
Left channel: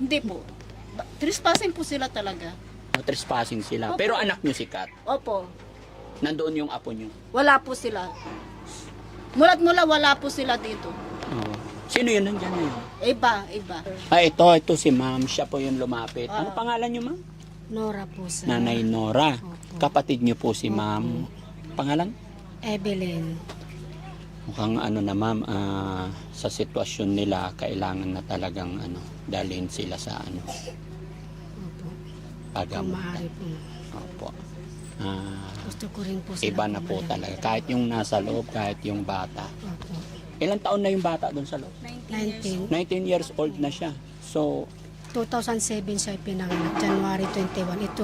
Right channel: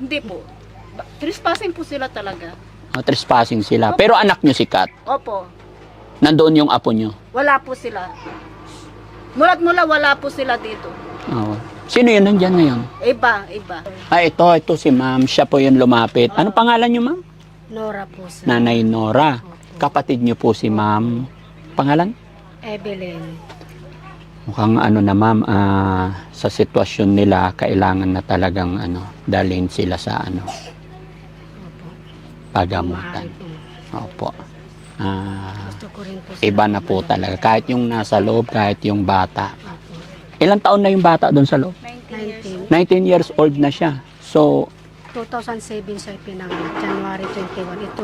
Hindi po. Trespassing po sila talaga. O, trespassing sila. Pero anak nyo si Kat. Opo. Nandoon yung apo nyo. Wala po sila. Mula't mula wala po sila dito. Oo. Sino yun nandyan ngayon? Iba. Ito si ma'am. Siya po yung lumapit. Ano pangalan nyo, ma'am? Nora po sir. Nanay Nora. Kapatid nyo po si ma'am. Pangalan? Evelyn. Mukhang ano na ma'am, sa sitwasyon nila, kailangan na talagang dalhin sila sa pagamutan. Maaari po. Opo. Gusto ko rin po Iba na po talaga. Kahit yung nasa loob, kahit yung bata. Opo. Ilang taon na yung bata doon sa loob? 19 years. 19 years old na siya. So, 2007 siya pinanganak. January 21. Ito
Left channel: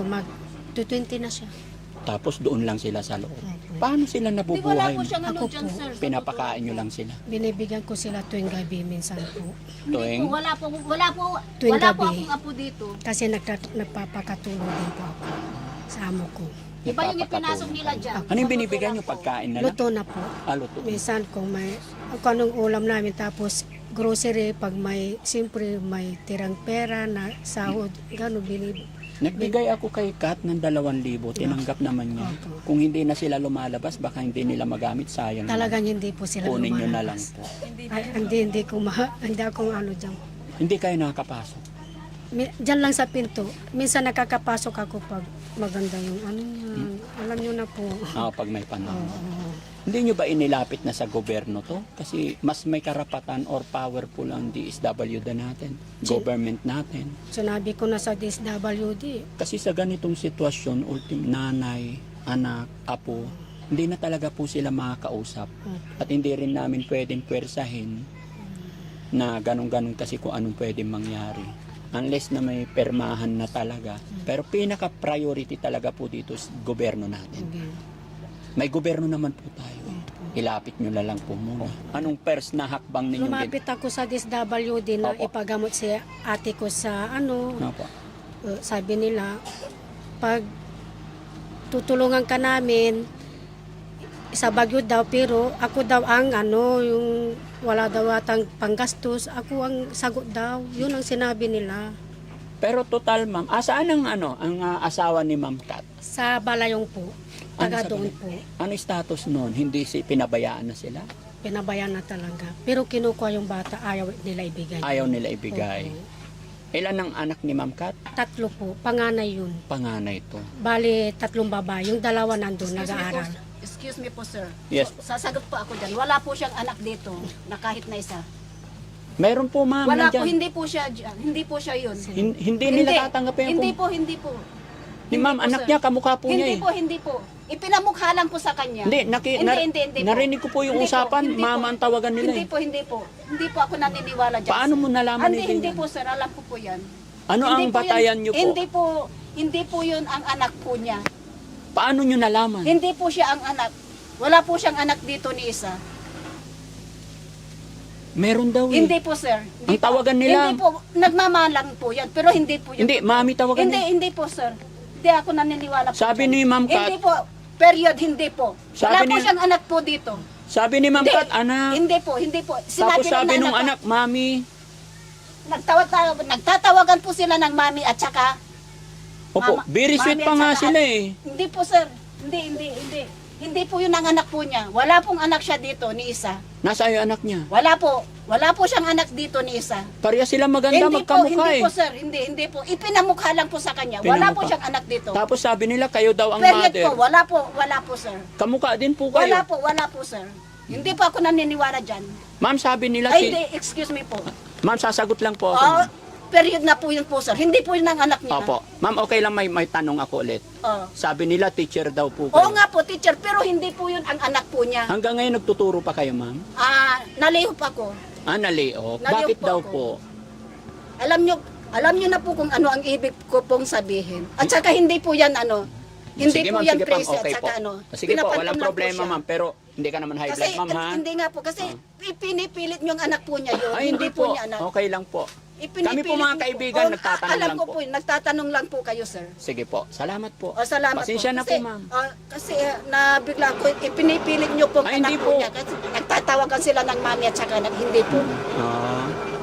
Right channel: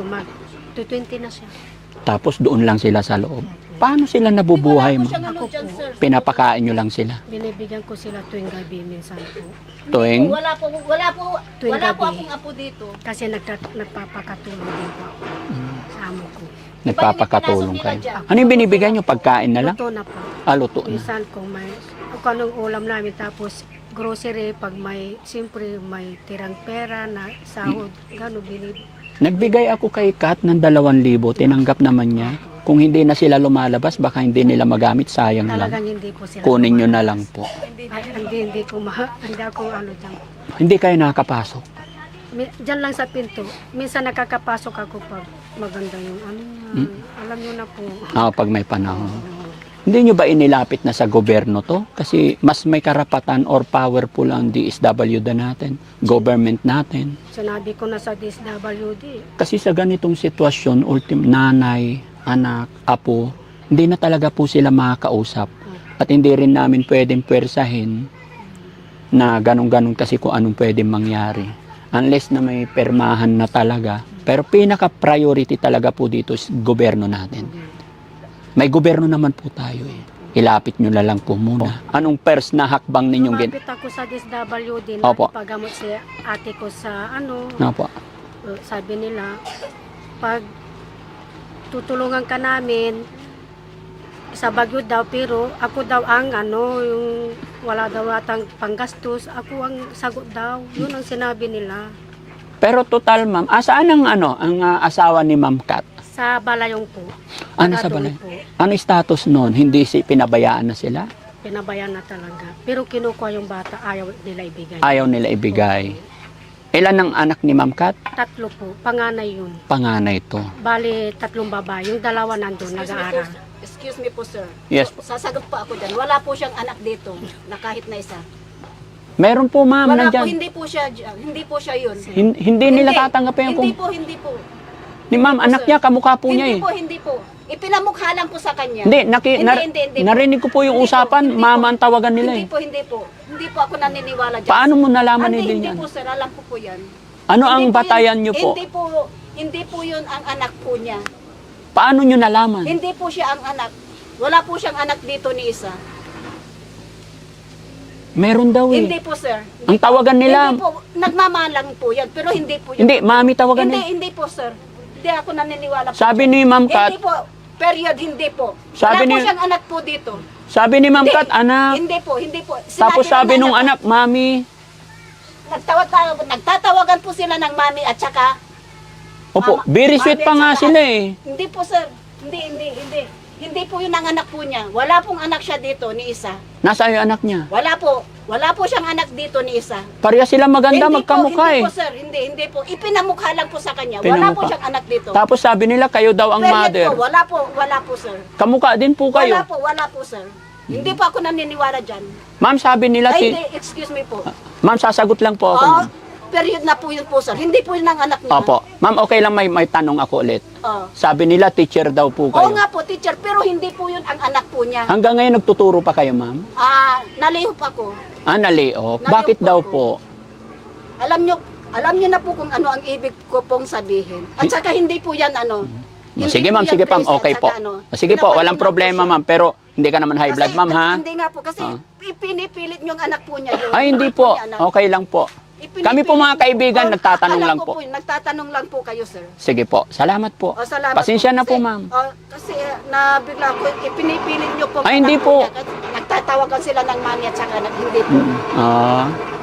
to 20 na siya. tapos doon lang sila sa loob. Paano sila nabubuhay mo? Ako po. Pinapakain nyo lang sila. Binibigyan ko sila tuwing gabi minsan po. Tuwing? Wala po Tuwing gabi. akong apo dito. Kasi nagpapakatulong din po ako sa amo ko. Nagpapakatulong Iba yung kayo. pinasok nila Ano yung binibigyan nyo? Pagkain na lang? Luto na po. Luto na. Minsan kung anong ulam namin tapos grocery pag siyempre may tirang pera na sahod, gano'n binibigyan. Nagbigay ako kay Kat ng 2,000. Tinanggap naman niya. Kung hindi na sila lumalabas, baka hindi nila magamit. Sayang lang. Talagang hindi po sila. Kunin nyo na lang po. Hindi ako dyan. Hindi kayo nakakapasok. Diyan lang sa pinto. Minsan nakakapasok ako pag maganda yung niya. Alam nyo na po. Pag may panahon. Hindi nyo ba inilapit na sa gobyerno to? Kasi mas may karapatan or powerful ang DSWD natin, government natin. Sinabi ko na sa DSWD. Kasi sa ganitong sitwasyon, nanay, anak, apo, hindi na talaga po sila makakausap. At hindi rin namin pwedeng pwersahin na ganun-ganun kasi kung anong pwedeng mangyari. Unless na may permahan na talaga. Pero pinaka-priority talaga po dito is gobyerno natin. May gobyerno naman po tayo eh. Ilapit nyo na lang po muna. Anong first na hakbang ninyong Lumapit ako sa DSWD na Opo. ipagamot si ate ko sa Opo. sabi nila, pag tutulungan ka namin, sa Baguio daw, pero ako daw ang yung wala daw atang panggastos, ako ang sagot daw. Yun ang sinabi nila. Pero total ma'am, saan ang asawa ni Ma'am Kat? Sa Balayong po. Ano sa Doon balay? po. Ano status noon? Hindi pinabayaan na sila? Pinabayan na talaga. Pero kinukuha yung bata, ayaw nila ibigay. Ayaw nila ibigay. Ilan ang anak ni Ma'am Kat? 3 po, panganay yun. Panganay to. Bali, 3 babae. Yung 2 nandun, nag-aaral. Excuse me po, sir. Yes po. Sasagot po ako dyan. Wala po siyang anak dito na kahit na isa. Meron po ma'am, Wala po, nandyan. hindi po siya yun. Hindi nila tatanggapin Hindi kung... po. Ni ma'am, Hindi po, anak sir. niya, kamukha po niya eh. Hindi po. Ipinamukha lang po sa kanya. Hindi, Hindi po. narinig ko po yung Hindi po, usapan, hindi po. mama ang tawagan nila Hindi eh. po, hindi po. Hindi po ako naniniwala dyan. Paano mo nalaman Hindi, nila hindi yan? po sir, alam ko po yan. Ano ang Hindi po batayan yun- nyo po? Hindi po yun ang anak po niya. Paano nyo nalaman? Hindi po siya ang anak. Wala po siyang anak dito ni isa. Meron daw eh. Hindi po sir. Ang tawagan nila, Hindi po, nagmamalang po yan. Pero hindi po yun. hindi, mami tawagan Hindi, nila. hindi po sir. Hindi ako naniniwala po. Sabi ni Ma'am Kat, Hindi po. Period, hindi po. Sabi Wala po ni- siyang anak po dito. sabi ni Ma'am Hindi. Kat, anak. Hindi po, hindi po. Tapos sabi nung anak, mami. Nagtatawagan po sila ng mami at saka Opo, Mama- very sweet mami pa at nga saka- sila eh. Hindi po sir. Hindi. Hindi po yun ang anak po niya. Wala pong anak siya dito ni isa. Nasaan yung anak niya? Wala po. Wala po siyang anak dito ni isa. Pareha sila maganda, magkamukha hindi eh. po sir. Hindi po. Ipinamukha lang po sa kanya. Wala po Pinamukha. siyang anak dito. Tapos sabi nila, kayo daw ang Period mother. po. Wala po sir. Kamukha din po kayo. Wala po sir. Hindi po ako naniniwala dyan. Ma'am, sabi nila, Ay, hindi. Excuse me po. ma'am, sasagot lang po ako. Oh, ma'am. period na po yun po sir. Hindi po yun ang anak niya. Opo. Ma'am, okay lang may tanong ako ulit. Oh. Sabi nila, teacher daw po Oo kayo. nga po, teacher. Pero hindi po yun ang anak po niya. Hanggang ngayon nagtuturo pa kayo, ma'am? Nalihop ako. Nalihok. Bakit po daw ako. po? Alam niyo na po kung ano ang ibig ko pong sabihin. At saka hindi po yan ano. Hindi Sige po ma'am, yan sige ma'am, crazy at okay saka po. ano. Sige po, walang Pinapaliwanag problema ko siya. ma'am, pero hindi ka naman high blood Kasi, ma'am ha? Hindi nga po kasi pinipilit niyo ang anak po niya. yun. Ay hindi po, niya, ano. okay lang po. Ipinipilit Kami po mga niyo kaibigan, po. nagtatanong Alam lang ko po. yun, nagtatanong lang po kayo sir. Sige po, salamat po. O, salamat Pasensya na po Kasi- ma'am. Kasi nabigla ko, ipinipilit niyo po. Ay, hindi anak po. niya. Kasi nagtatawagan sila ng mami at saka hindi po.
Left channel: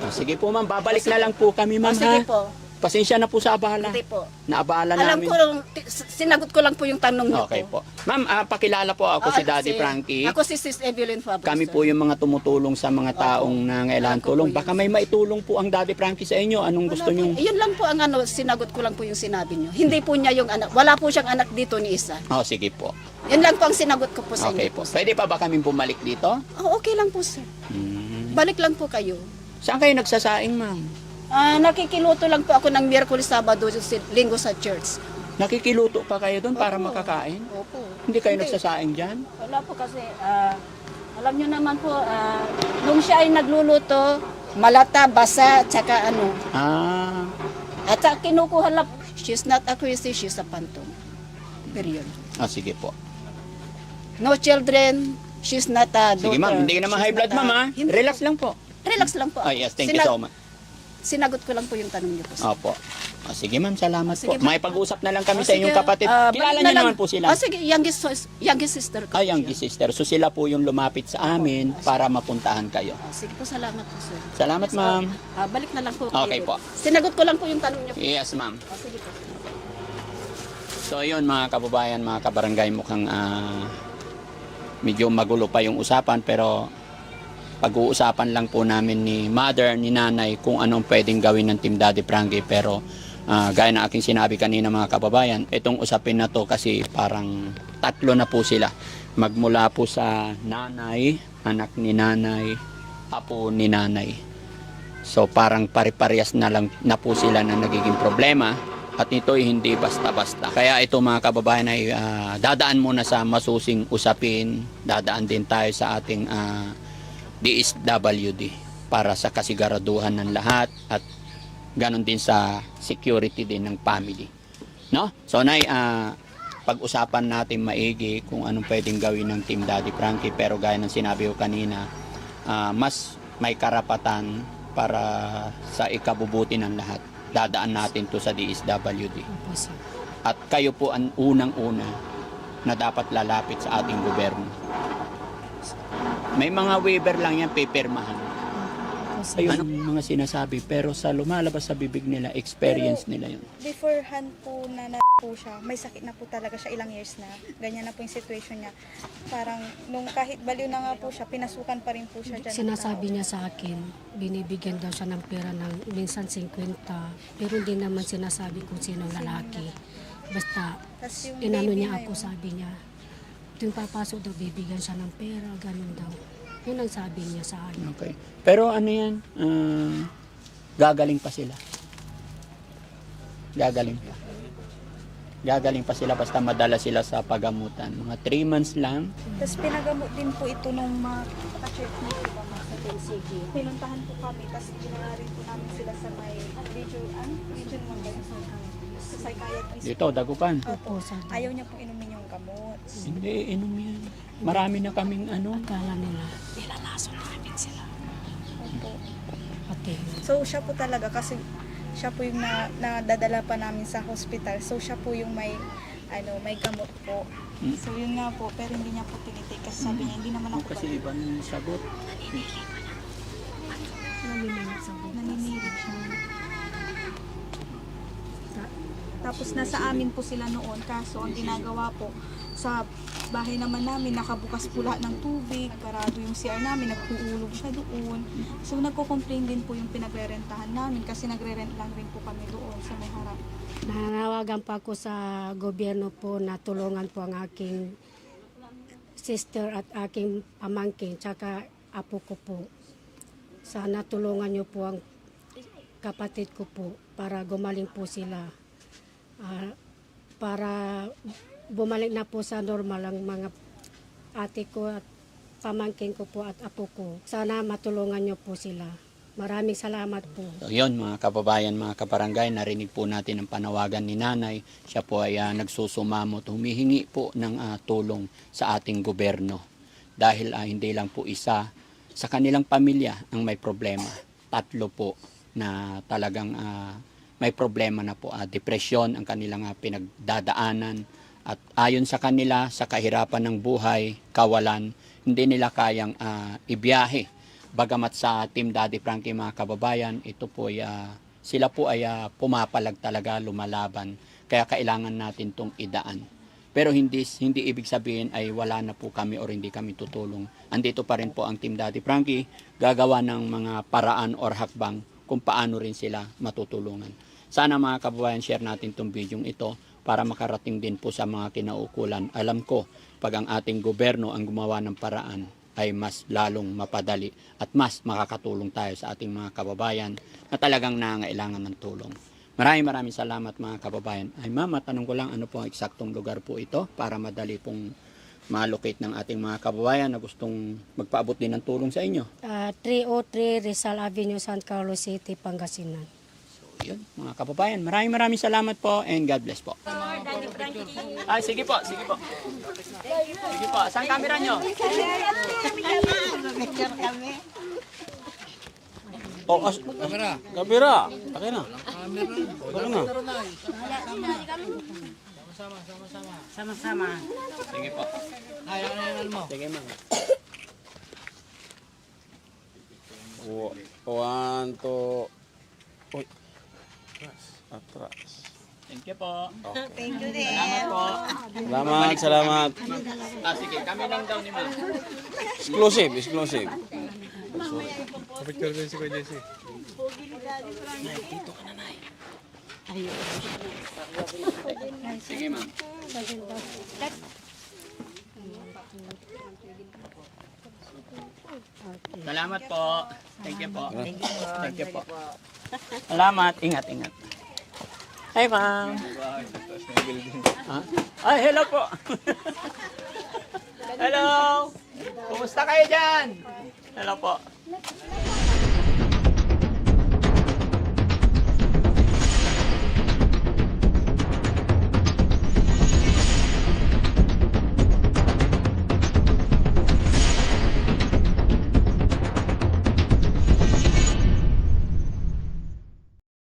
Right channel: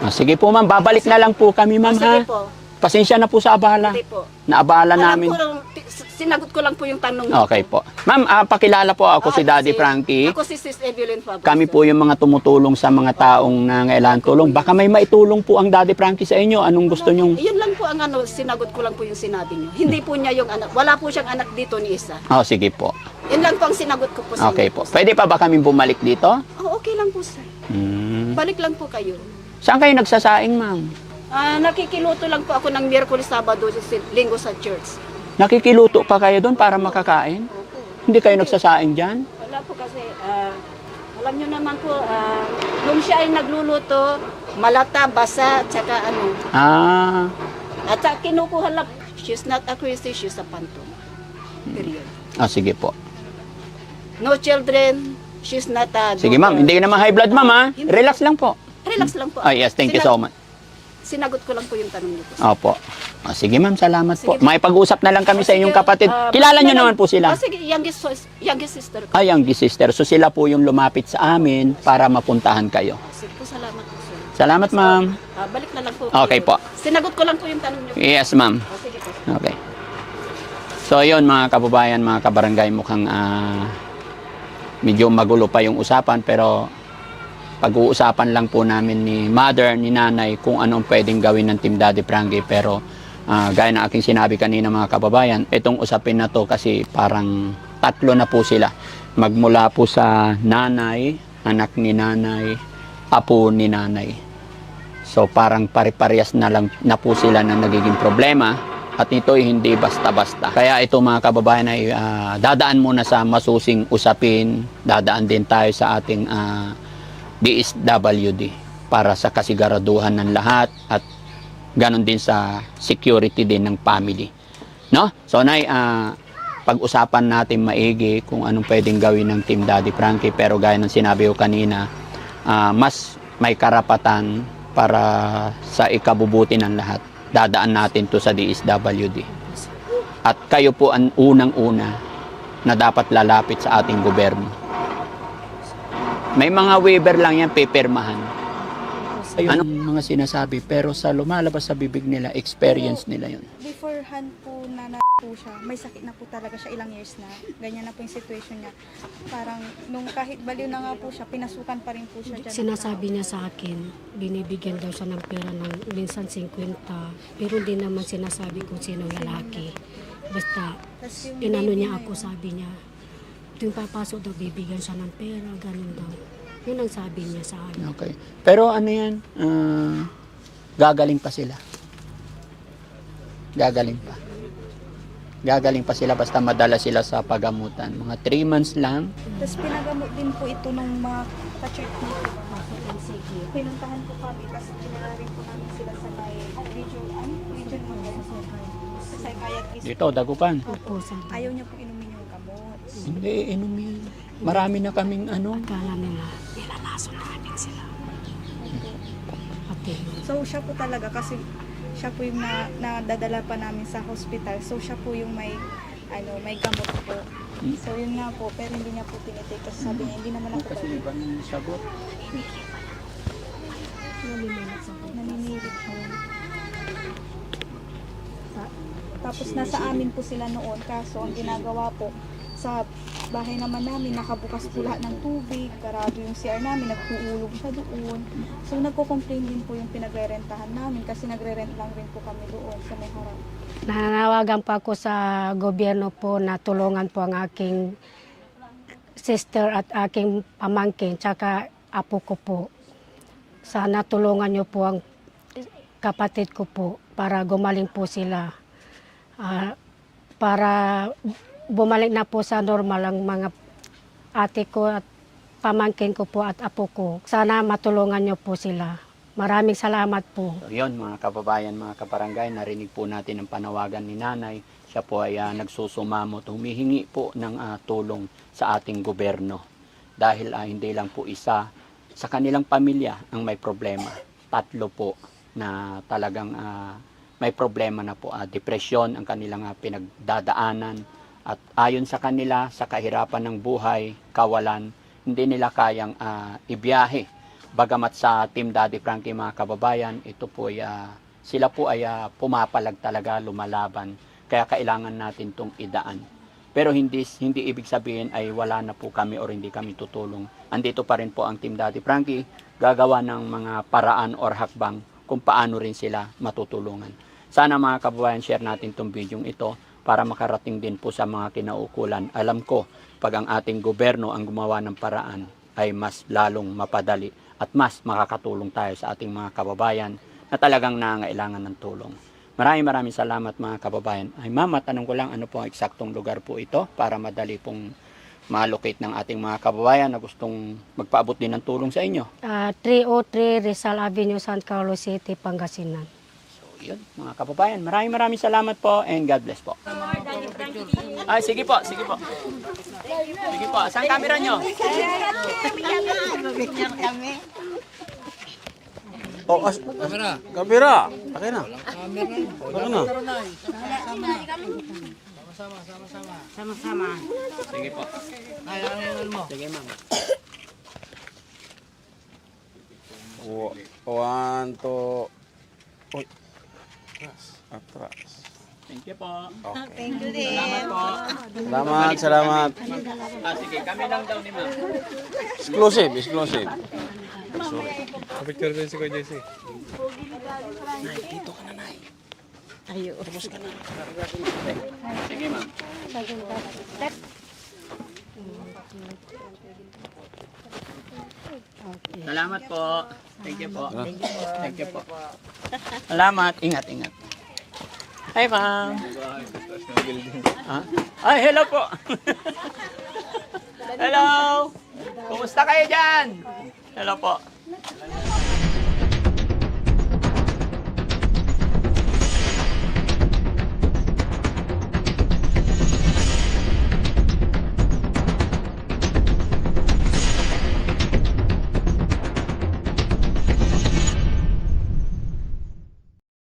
Sige po ma'am, babalik na lang po kami ma'am ha? Sige po. Pasensya na po sa abala. Hindi po. Naabala Alam namin. ko, sinagot ko lang po yung tanong niyo Okay po. Ma'am, pakilala po ako si Daddy Frankie. Ako si Sis Evelyn Fabregas. Kami po yung mga tumutulong sa mga taong nangailangan tulong. Baka may maitulong po ang Daddy Frankie sa inyo. Anong gusto nyong... Yun lang po ang ano, sinagot ko lang po yung sinabi niyo. Hindi po niya yung anak. Wala po siyang anak dito ni isa. Oh, sige po. Yan lang po ang sinagot ko po sa Okay inyo. po. Pwede pa ba kami bumalik dito? Oh, okay lang po sir. Hmm. Balik lang po kayo. Saan kayo nagsasaing, ma'am? Nakikiluto lang po ako ng Miyerkules, Sabado, Linggo sa church. Nakikiluto pa kayo doon para makakain? Hindi kayo nagsasaing dyan? Wala po kasi, alam niyo naman po, nung siya ay nagluluto, malata, basa, tsaka ano. At saka kinukuha lang, she's not a Christian, she's a phantom. Period. Sige po. No children, she's not a Sige, ma'am. Hindi ka naman high blood, ma'am, ha? Hindi. Relax lang po. Relax lang po. Yes, thank you so much. Sinagot ko lang po yung tanong niyo. Opo. Sige, ma'am. Salamat po. Sige po. May pag-usap na lang kami sa Sige, inyong kapatid. balik Kilala niyo na naman lang. po sila. Sige, youngest sister ko. Ang sister. So sila po yung lumapit sa amin para mapuntahan kayo. Sige po, salamat po sir. Salamat, ma'am. Balik na lang po. Okay kayo. po. Sinagot ko lang po yung tanong niyo. Yes, ma'am. Sige po. Okay. So, yun mga kababayan, mga kabarangay, mukhang medyo magulo pa yung usapan, pero pag-uusapan lang po namin ni mother, ni nanay, kung anong pwedeng gawin ng Team Daddy Frankie. Pero gaya ng aking sinabi kanina mga kababayan, itong usapin na to kasi parang tatlo na po sila. Magmula po sa nanay, anak ni nanay, apo ni nanay. So parang pare-parehas na lang na po sila na nagiging problema. At ito'y hindi basta-basta. Kaya ito mga kababayan ay dadaan muna sa masusing usapin. Dadaan din tayo sa ating DSWD para sa kasiguraduhan ng lahat at ganon din sa security din ng family. No? So Nay, pag-usapan natin maigi kung anong pwedeng gawin ng Team Daddy Frankie, pero gaya ng sinabi ko kanina, mas may karapatan para sa ikabubuti ng lahat. Dadaan natin to sa DSWD. At kayo po ang unang-una na dapat lalapit sa ating gobyerno. May mga waiver lang yan, pipirmahan. Ayun ang mga sinasabi, pero sa lumalabas sa bibig nila, experience nila yun. Beforehand po na po siya, may sakit na po talaga siya ilang years na. Ganyan na po yung situation niya. Parang nung kahit baliw na nga po siya, pinasukan pa rin po siya dyan. Sinasabi niya sa akin, binibigyan daw siya ng pera ng minsan 50, pero hindi naman sinasabi kung sinong lalaki. Basta, Tas yung inano baby niya na ako, yun, sabi niya, tuwing papasok daw, bibigyan siya ng pera, ganun daw. Yun ang sabi niya sa akin. Okay. Pero ano yan, gagaling pa sila. Gagaling pa. Gagaling pa sila basta madala sila sa pagamutan. Mga 3 months lang. Tapos pinagamot din po ito nung mga ka-check nito. Pinuntahan po kami, tapos pinaarin po namin sila sa may region ng sa psychiatrist. Dito, Dagupan. Opo, ayaw niya po inumin yung gamot. Hindi, inumin. Marami na kaming ano. Akala nila, nilalaso namin sila. Pati. So siya po talaga kasi siya po yung nadadala pa namin sa hospital. So siya po yung may gamot po. So yun nga po, pero hindi niya po tinitake kasi sabi niya hindi naman ako Kasi iba ng sagot. naninirig siya. Tapos nasa amin po sila noon, kaso ang ginagawa po sa bahay naman namin, nakabukas po lahat ng tubig, karado yung CR namin, nagtuulog siya doon. So nagko-complain din po yung pinagre-rentahan namin kasi nagre-rent lang rin po kami doon sa may harap. Nananawagan po ako sa gobyerno po na tulungan po ang aking sister at aking pamangkin, tsaka apo ko po. Sana tulungan niyo po ang kapatid ko po para gumaling po sila. Para bumalik na po sa normal ang mga ate ko at pamangkin ko po at apo ko. Sana matulungan niyo po sila. Maraming salamat po. So yun mga kababayan, mga kabarangay, narinig po natin ang panawagan ni nanay. Siya po ay nagsusumamot, humihingi po ng tulong sa ating gobyerno. Dahil hindi lang po isa sa kanilang pamilya ang may problema. 3 po na talagang may problema na po. Depresyon ang kanilang pinagdadaanan. At ayon sa kanila, sa kahirapan ng buhay, kawalan, hindi nila kayang ibiyahe. Bagamat sa Team Daddy Frankie mga kababayan, ito po ay, sila po ay pumapalag talaga, lumalaban. Kaya kailangan natin itong idaan. Pero hindi ibig sabihin ay wala na po kami or hindi kami tutulong. Andito pa rin po ang Team Daddy Frankie, gagawa ng mga paraan or hakbang kung paano rin sila matutulungan. Sana mga kababayan, share natin itong video ito para makarating din po sa mga kinaukulan. Alam ko, pag ang ating gobyerno ang gumawa ng paraan, ay mas lalong mapadali at mas makakatulong tayo sa ating mga kababayan na talagang nangangailangan ng tulong. Maraming salamat mga kababayan. Ay ma'am, matanong ko lang ano po ang eksaktong lugar po ito para madali pong malocate ng ating mga kababayan na gustong magpaabot din ng tulong sa inyo. 303 Rizal Avenue, San Carlos City, Pangasinan. So yun mga kababayan, maraming salamat po and God bless po. Sige po. Sige po, saan camera nyo? Kamera. Akin na. Sama-sama. Sige po. Sige ma'am. 1, 2. Uy. Atras. Thank you po. Okay. Salamat po. Salamat. Sige, kami lang daw ni ma'am. Exclusive. Picture din si Kuya JC. Sige ma'am. Salamat po. Thank you po. Thank you po. Salamat. Ingat. Hi ma'am. Ay, hello po. Hello. Kumusta kayo dyan? Hello po.